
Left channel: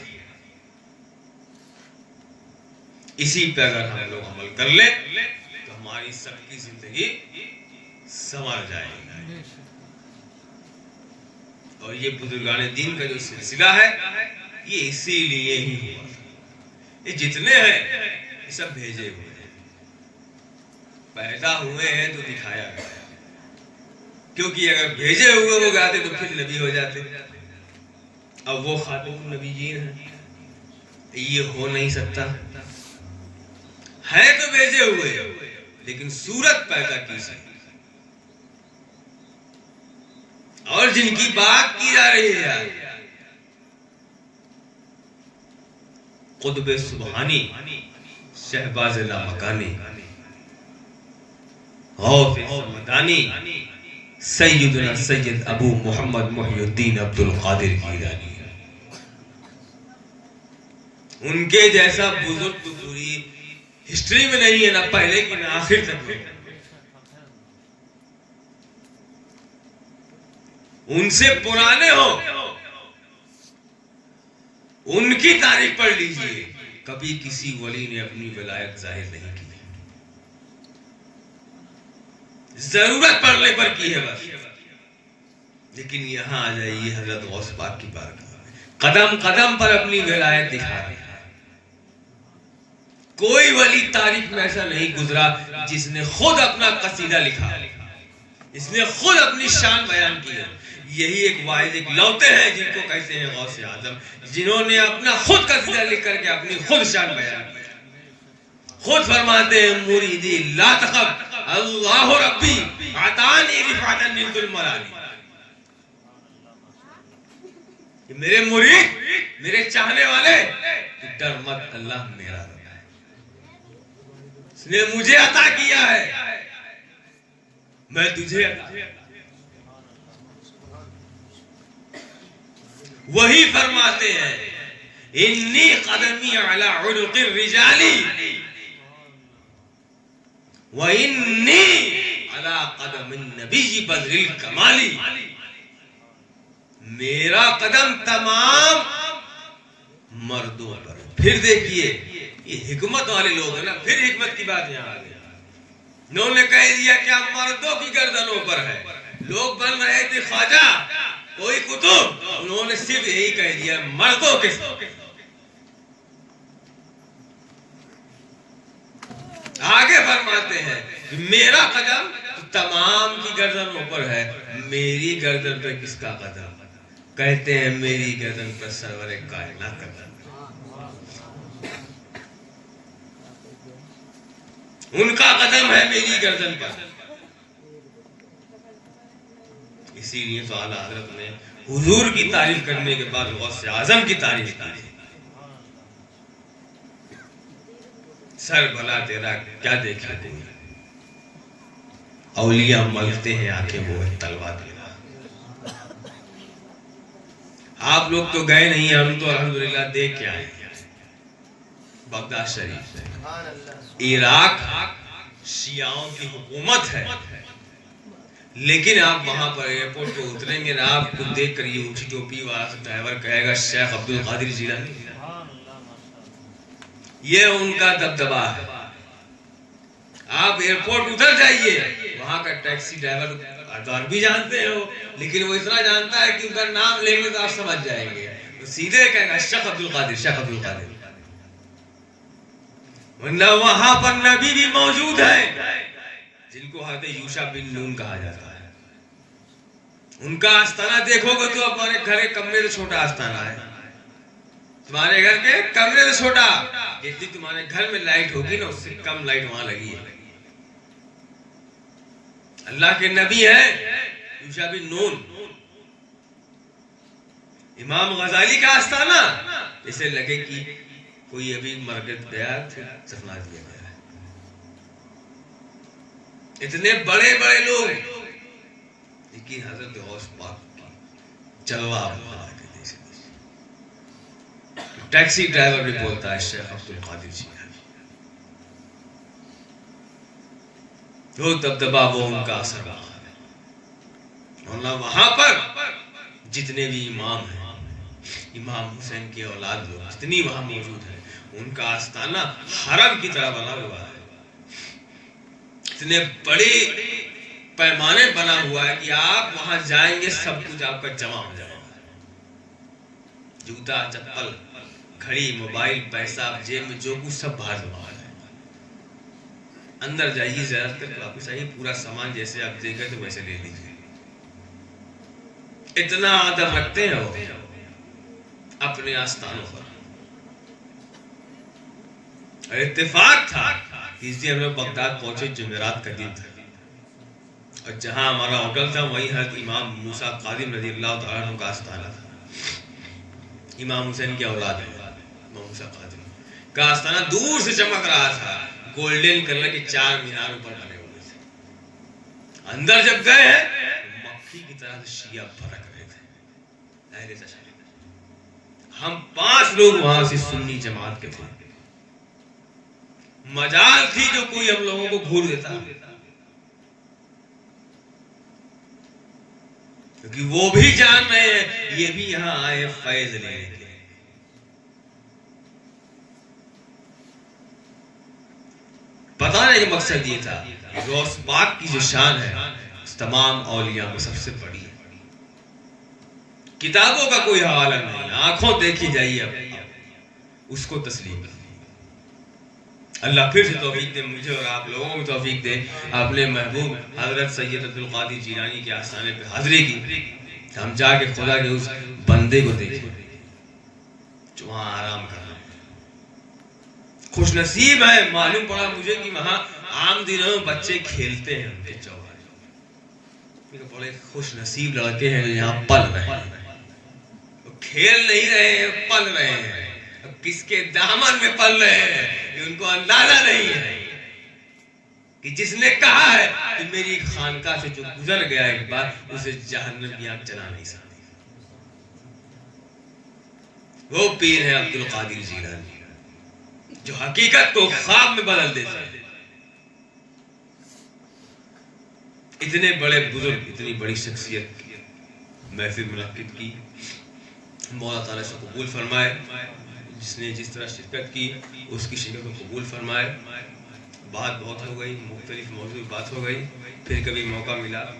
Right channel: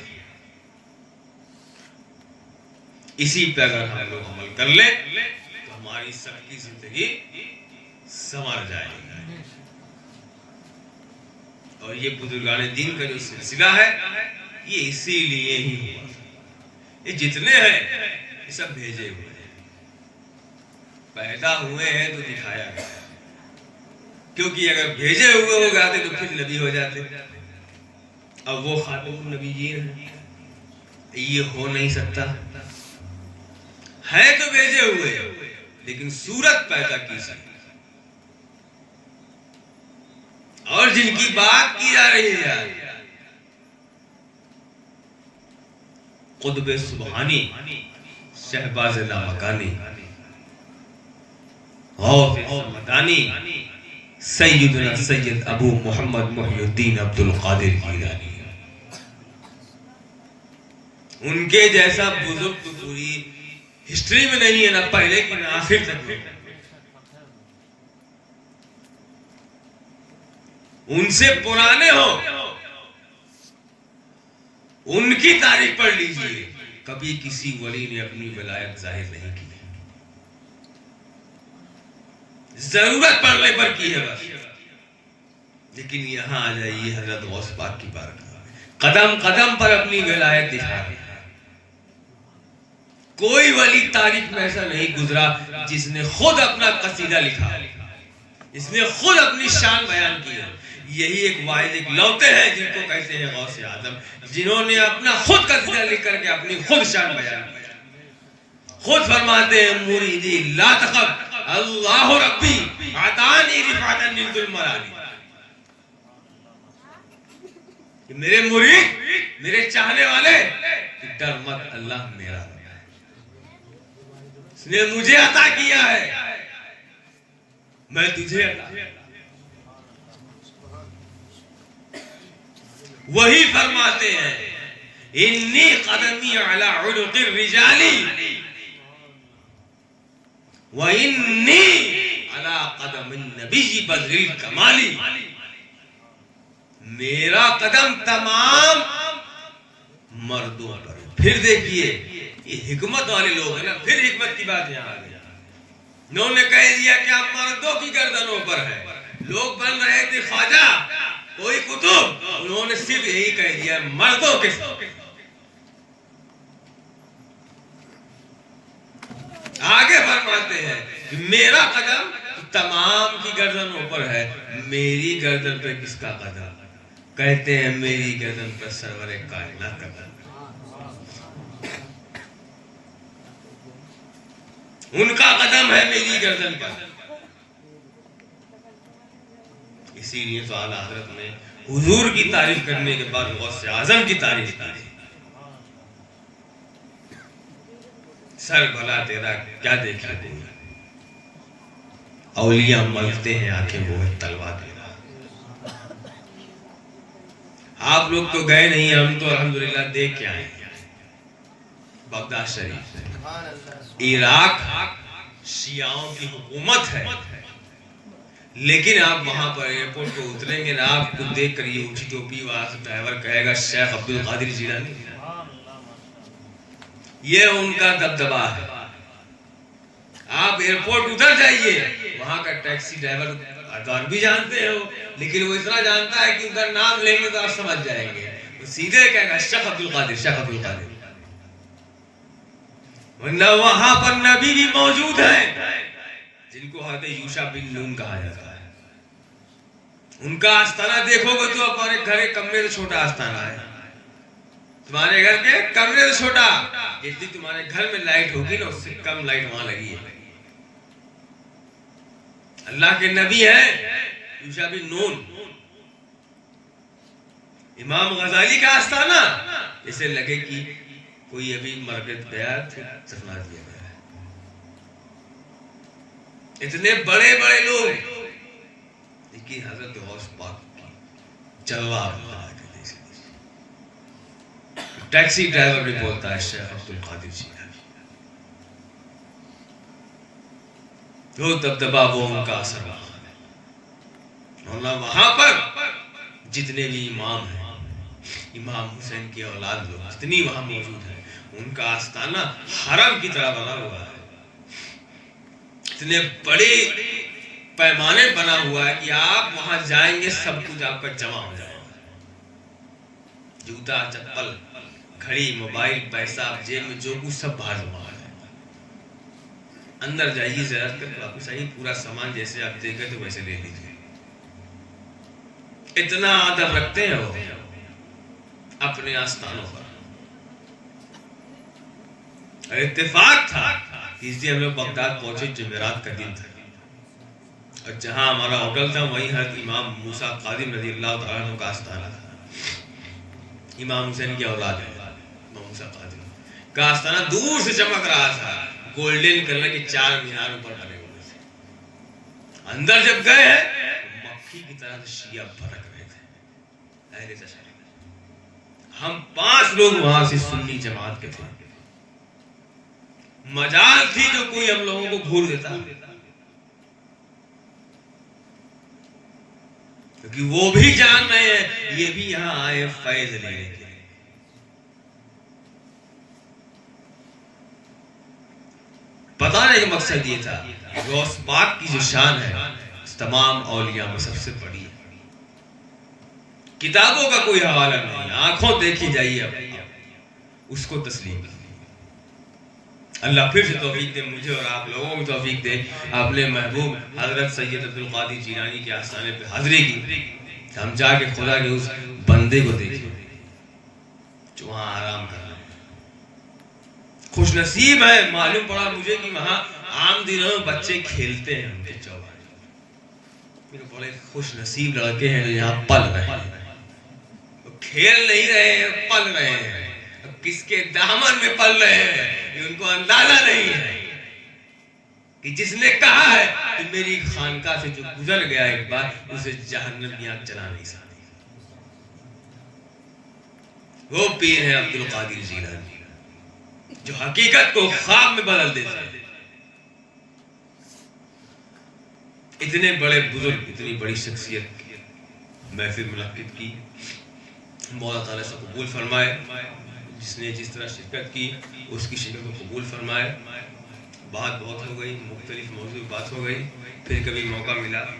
اسی پہ اگر ہم لوگ عمل کر لیں تو ہماری سب کی زندگی سنور جائے گی. اور یہ بزرگان دین کا جو سلسلہ ہے یہ اسی لیے ہی ہوا. یہ جتنے ہیں یہ سب بھیجے ہوئے ہیں. پیدا ہوئے ہیں تو دکھایا گیا. کیونکہ اگر بھیجے ہوئے ہو جاتے تو پھر نبی ہو جاتے. اب وہ خاتم النبیین ہیں. یہ ہو نہیں سکتا. ہے تو بھیجے ہوئے لیکن صورت پیدا کی سکتی. اور جن کی بات کی جا رہی ہے قطب سبحانی شہباز لامکانی غوث مدانی سیدنا سید ابو محمد محی الدین عبد القادر جیلانی. ان کے جیسا بزرگ تو پوری ہسٹری میں نہیں ہے. نہ پہلے کی نہ آخر تک. ان سے پرانے ہو ان کی تاریخ پڑھ لیجئے. کبھی کسی ولی نے اپنی ولایت ظاہر نہیں کی. ضرورت پڑنے پر کی ہے بس. لیکن یہاں آ جائیے حضرت غوث پاک کی بارگاہ. قدم قدم پر اپنی ولایت دکھا رہے. کوئی ولی تاریخ میں ایسا نہیں گزرا جس نے خود اپنا قصیدہ لکھا, جس نے خود اپنی شان بیان کی. یہی ایک واحد ایک لوتے ہیں جن کو کہتے ہیں غوث اعظم, جنہوں نے اپنا خود قصیدہ لکھ کر کے اپنی خود شان بیان کی. خود فرماتے ہیں مریدی لا تخف اللہ ربی عطانی رفعتا من ذل ملالی. کہ میرے مرید میرے چاہنے والے ڈر مت, اللہ میرا ہے, اس نے مجھے عطا کیا ہے, میں تجھے عطا کیا. وہی فرماتے ہیں انی قدمی علی عنق الرجال وانی علی قدم النبی بدر الکمال. میرا قدم تمام مردوں پر. پھر دیکھیے یہ حکمت والے لوگ ہیں نا, پھر حکمت کی بات یہاں آ گئی. انہوں نے کہہ دیا کہ ہم مردوں کی گردنوں پر ہے. لوگ بن رہے تھے خواجہ کوئی کتب, انہوں نے صرف یہی کہہ دیا مردوں کے. آگے فرماتے ہیں میرا قدم تمام کی گردن اوپر ہے، میری گردن پہ کس کا قدم؟ کہتے ہیں میری گردن پر سرور کائنات کا قدم، ان کا قدم ہے میری گردن پر۔ اسی لیے تو اعلیٰ حضرت نے حضور کی تعریف کرنے کے بعد غوث اعظم کی تعریف کی، سر بھلا تیرا کیا دیکھا تم، اولیاء ملتے ہیں آنکھیں وہ ہے تلوار تیرا۔ آپ لوگ تو گئے نہیں، ہم تو الحمدللہ دیکھ کے آئے بغداد شریف سے۔ عراق شیعوں کی حکومت ہے، لیکن آپ وہاں پر ایئرپورٹ پہ اتریں گے نا، آپ کو دیکھ کر یہ اونچی ٹوپی والا ڈرائیور کہے گا شیخ عبد القادر جیلانی، یہ ان کا دبدبا ہے۔ آپ ایئرپورٹ اتر جائیے، وہاں کا ٹیکسی ڈرائیور عربی جانتے ہو، لیکن وہ اتنا جانتا ہے کہ ان کا نام لیں گے تو آپ سمجھ جائیں گے، سیدھے کہے گا شیخ عبد القادر، شیخ عبد القادر۔ ورنہ وہاں پر نبی بھی موجود ہے جن کو حضرت یوشع بن نون کہا جاتا ہے، ان کا آستانہ دیکھو گے تو اپنے گھر کے کمرے سے چھوٹا آستانہ ہے، تمہارے گھر کے کمرے سے چھوٹا، جتنی تمہارے گھر میں لائٹ ہوگی نا اس سے کم لائٹ وہاں لگی ہے۔ اللہ کے نبی ہے یوشع بن نون۔ امام غزالی کا آستانہ جیسے لگے کہ کوئی ابھی مرکز گیا پھر دفنا دیا گیا ہے، اتنے بڑے بڑے لوگ، لیکن حضرت غوث پاک کی جلوہ ٹیکسی ڈرائیور بھی بولتا ہے شیخ عبد القادر جیلانی، جو دبدبا وہ ان کا اثر رہا ہے۔ اور وہاں پر جتنے بھی امام ہیں، امام حسین کی اولاد لوگ جتنی وہاں موجود ہیں، ان کا آستانہ حرم کی طرح بنا ہوا ہے، اتنے بڑے پیمانے بنا ہوا ہے کہ آپ وہاں جائیں گے سب کچھ آپ کا جمع ہو جائے گا، جوتا چپل گھڑی موبائل پیسہ جیب میں جو کچھ سب باہر جمع ہے۔ اندر جائیے زیارت کر کے واپس آئیے، پورا سامان جیسے آپ دیکھے تو ویسے لے لیجیے، اتنا ادب رکھتے ہیں وہ اپنے آستانوں پر۔ اتفاق تھا اس دن ہم لوگ بغداد پہنچے، جمعرات کا دن تھا، اور جہاں ہمارا ہوٹل تھا وہیں حضرت امام موسیٰ قادم رضی اللہ تعالیٰ عنہ کا آستانہ تھا، امام حسین کی اولاد ہے، امام موسیٰ قادم کا آستانہ دور سے چمک رہا تھا، گولڈن کلر کے 4 مینار پر بنے ہوئے تھے۔ اندر جب گئے ہیں تو مکھی کی طرح شیعہ بھڑک رہے تھے، اہل تشیع۔ ہم 5 لوگ وہاں سے سنی جماعت کے تھے، مجال تھی جو کوئی ہم لوگوں کو گھور دیتا، کیونکہ وہ بھی جان رہے ہیں یہ بھی یہاں آئے فیض لینے کے لیے۔ بتانے کا مقصد یہ تھا کہ غوث پاک کی جو شان ہے تمام اولیاء میں سب سے بڑی ہے، کتابوں کا کوئی حوالہ نہیں، آنکھوں دیکھی جائیے اب اس کو تسلیم کریں۔ اللہ پھر سے توفیق دے مجھے اور آپ لوگوں کو توفیق دے اپنے محبوب حضرت سید عبد القادر جیلانی کے آستانے پہ حاضری کی، ہم جا کے خدا کے اس بندے کو دیکھیں جو وہاں آرام کر رہے ہیں۔ خوش نصیب ہے، معلوم پڑا مجھے کہ وہاں عام دنوں میں بچے کھیلتے ہیں ان کے چوبارے، میرے بڑے خوش نصیب لڑکے ہیں جو یہاں پل رہے ہیں، کھیل نہیں رہے ہیں، پل رہے ہیں۔ کس کے دامن میں پل رہے ہیں یہ ان کو اندازہ نہیں ہے، کہ جس نے کہا ہے کہ میری خانقاہ سے جو گزر گیا ایک بار اسے جہنم کی آگ چلا نہیں سکتی، وہ پیر ہے عبد القادر جیلانی جو حقیقت کو خواب میں بدل دیتا ہے۔ اتنے بڑے بزرگ، اتنی بڑی شخصیت محفل منعقد کی، مولا تعالیٰ سے قبول فرمائے، جس نے جس طرح شرکت کی اس کی شرکت کو قبول فرمائے۔ بات بہت ہو گئی، مختلف موضوع بات ہو گئی، پھر کبھی موقع ملا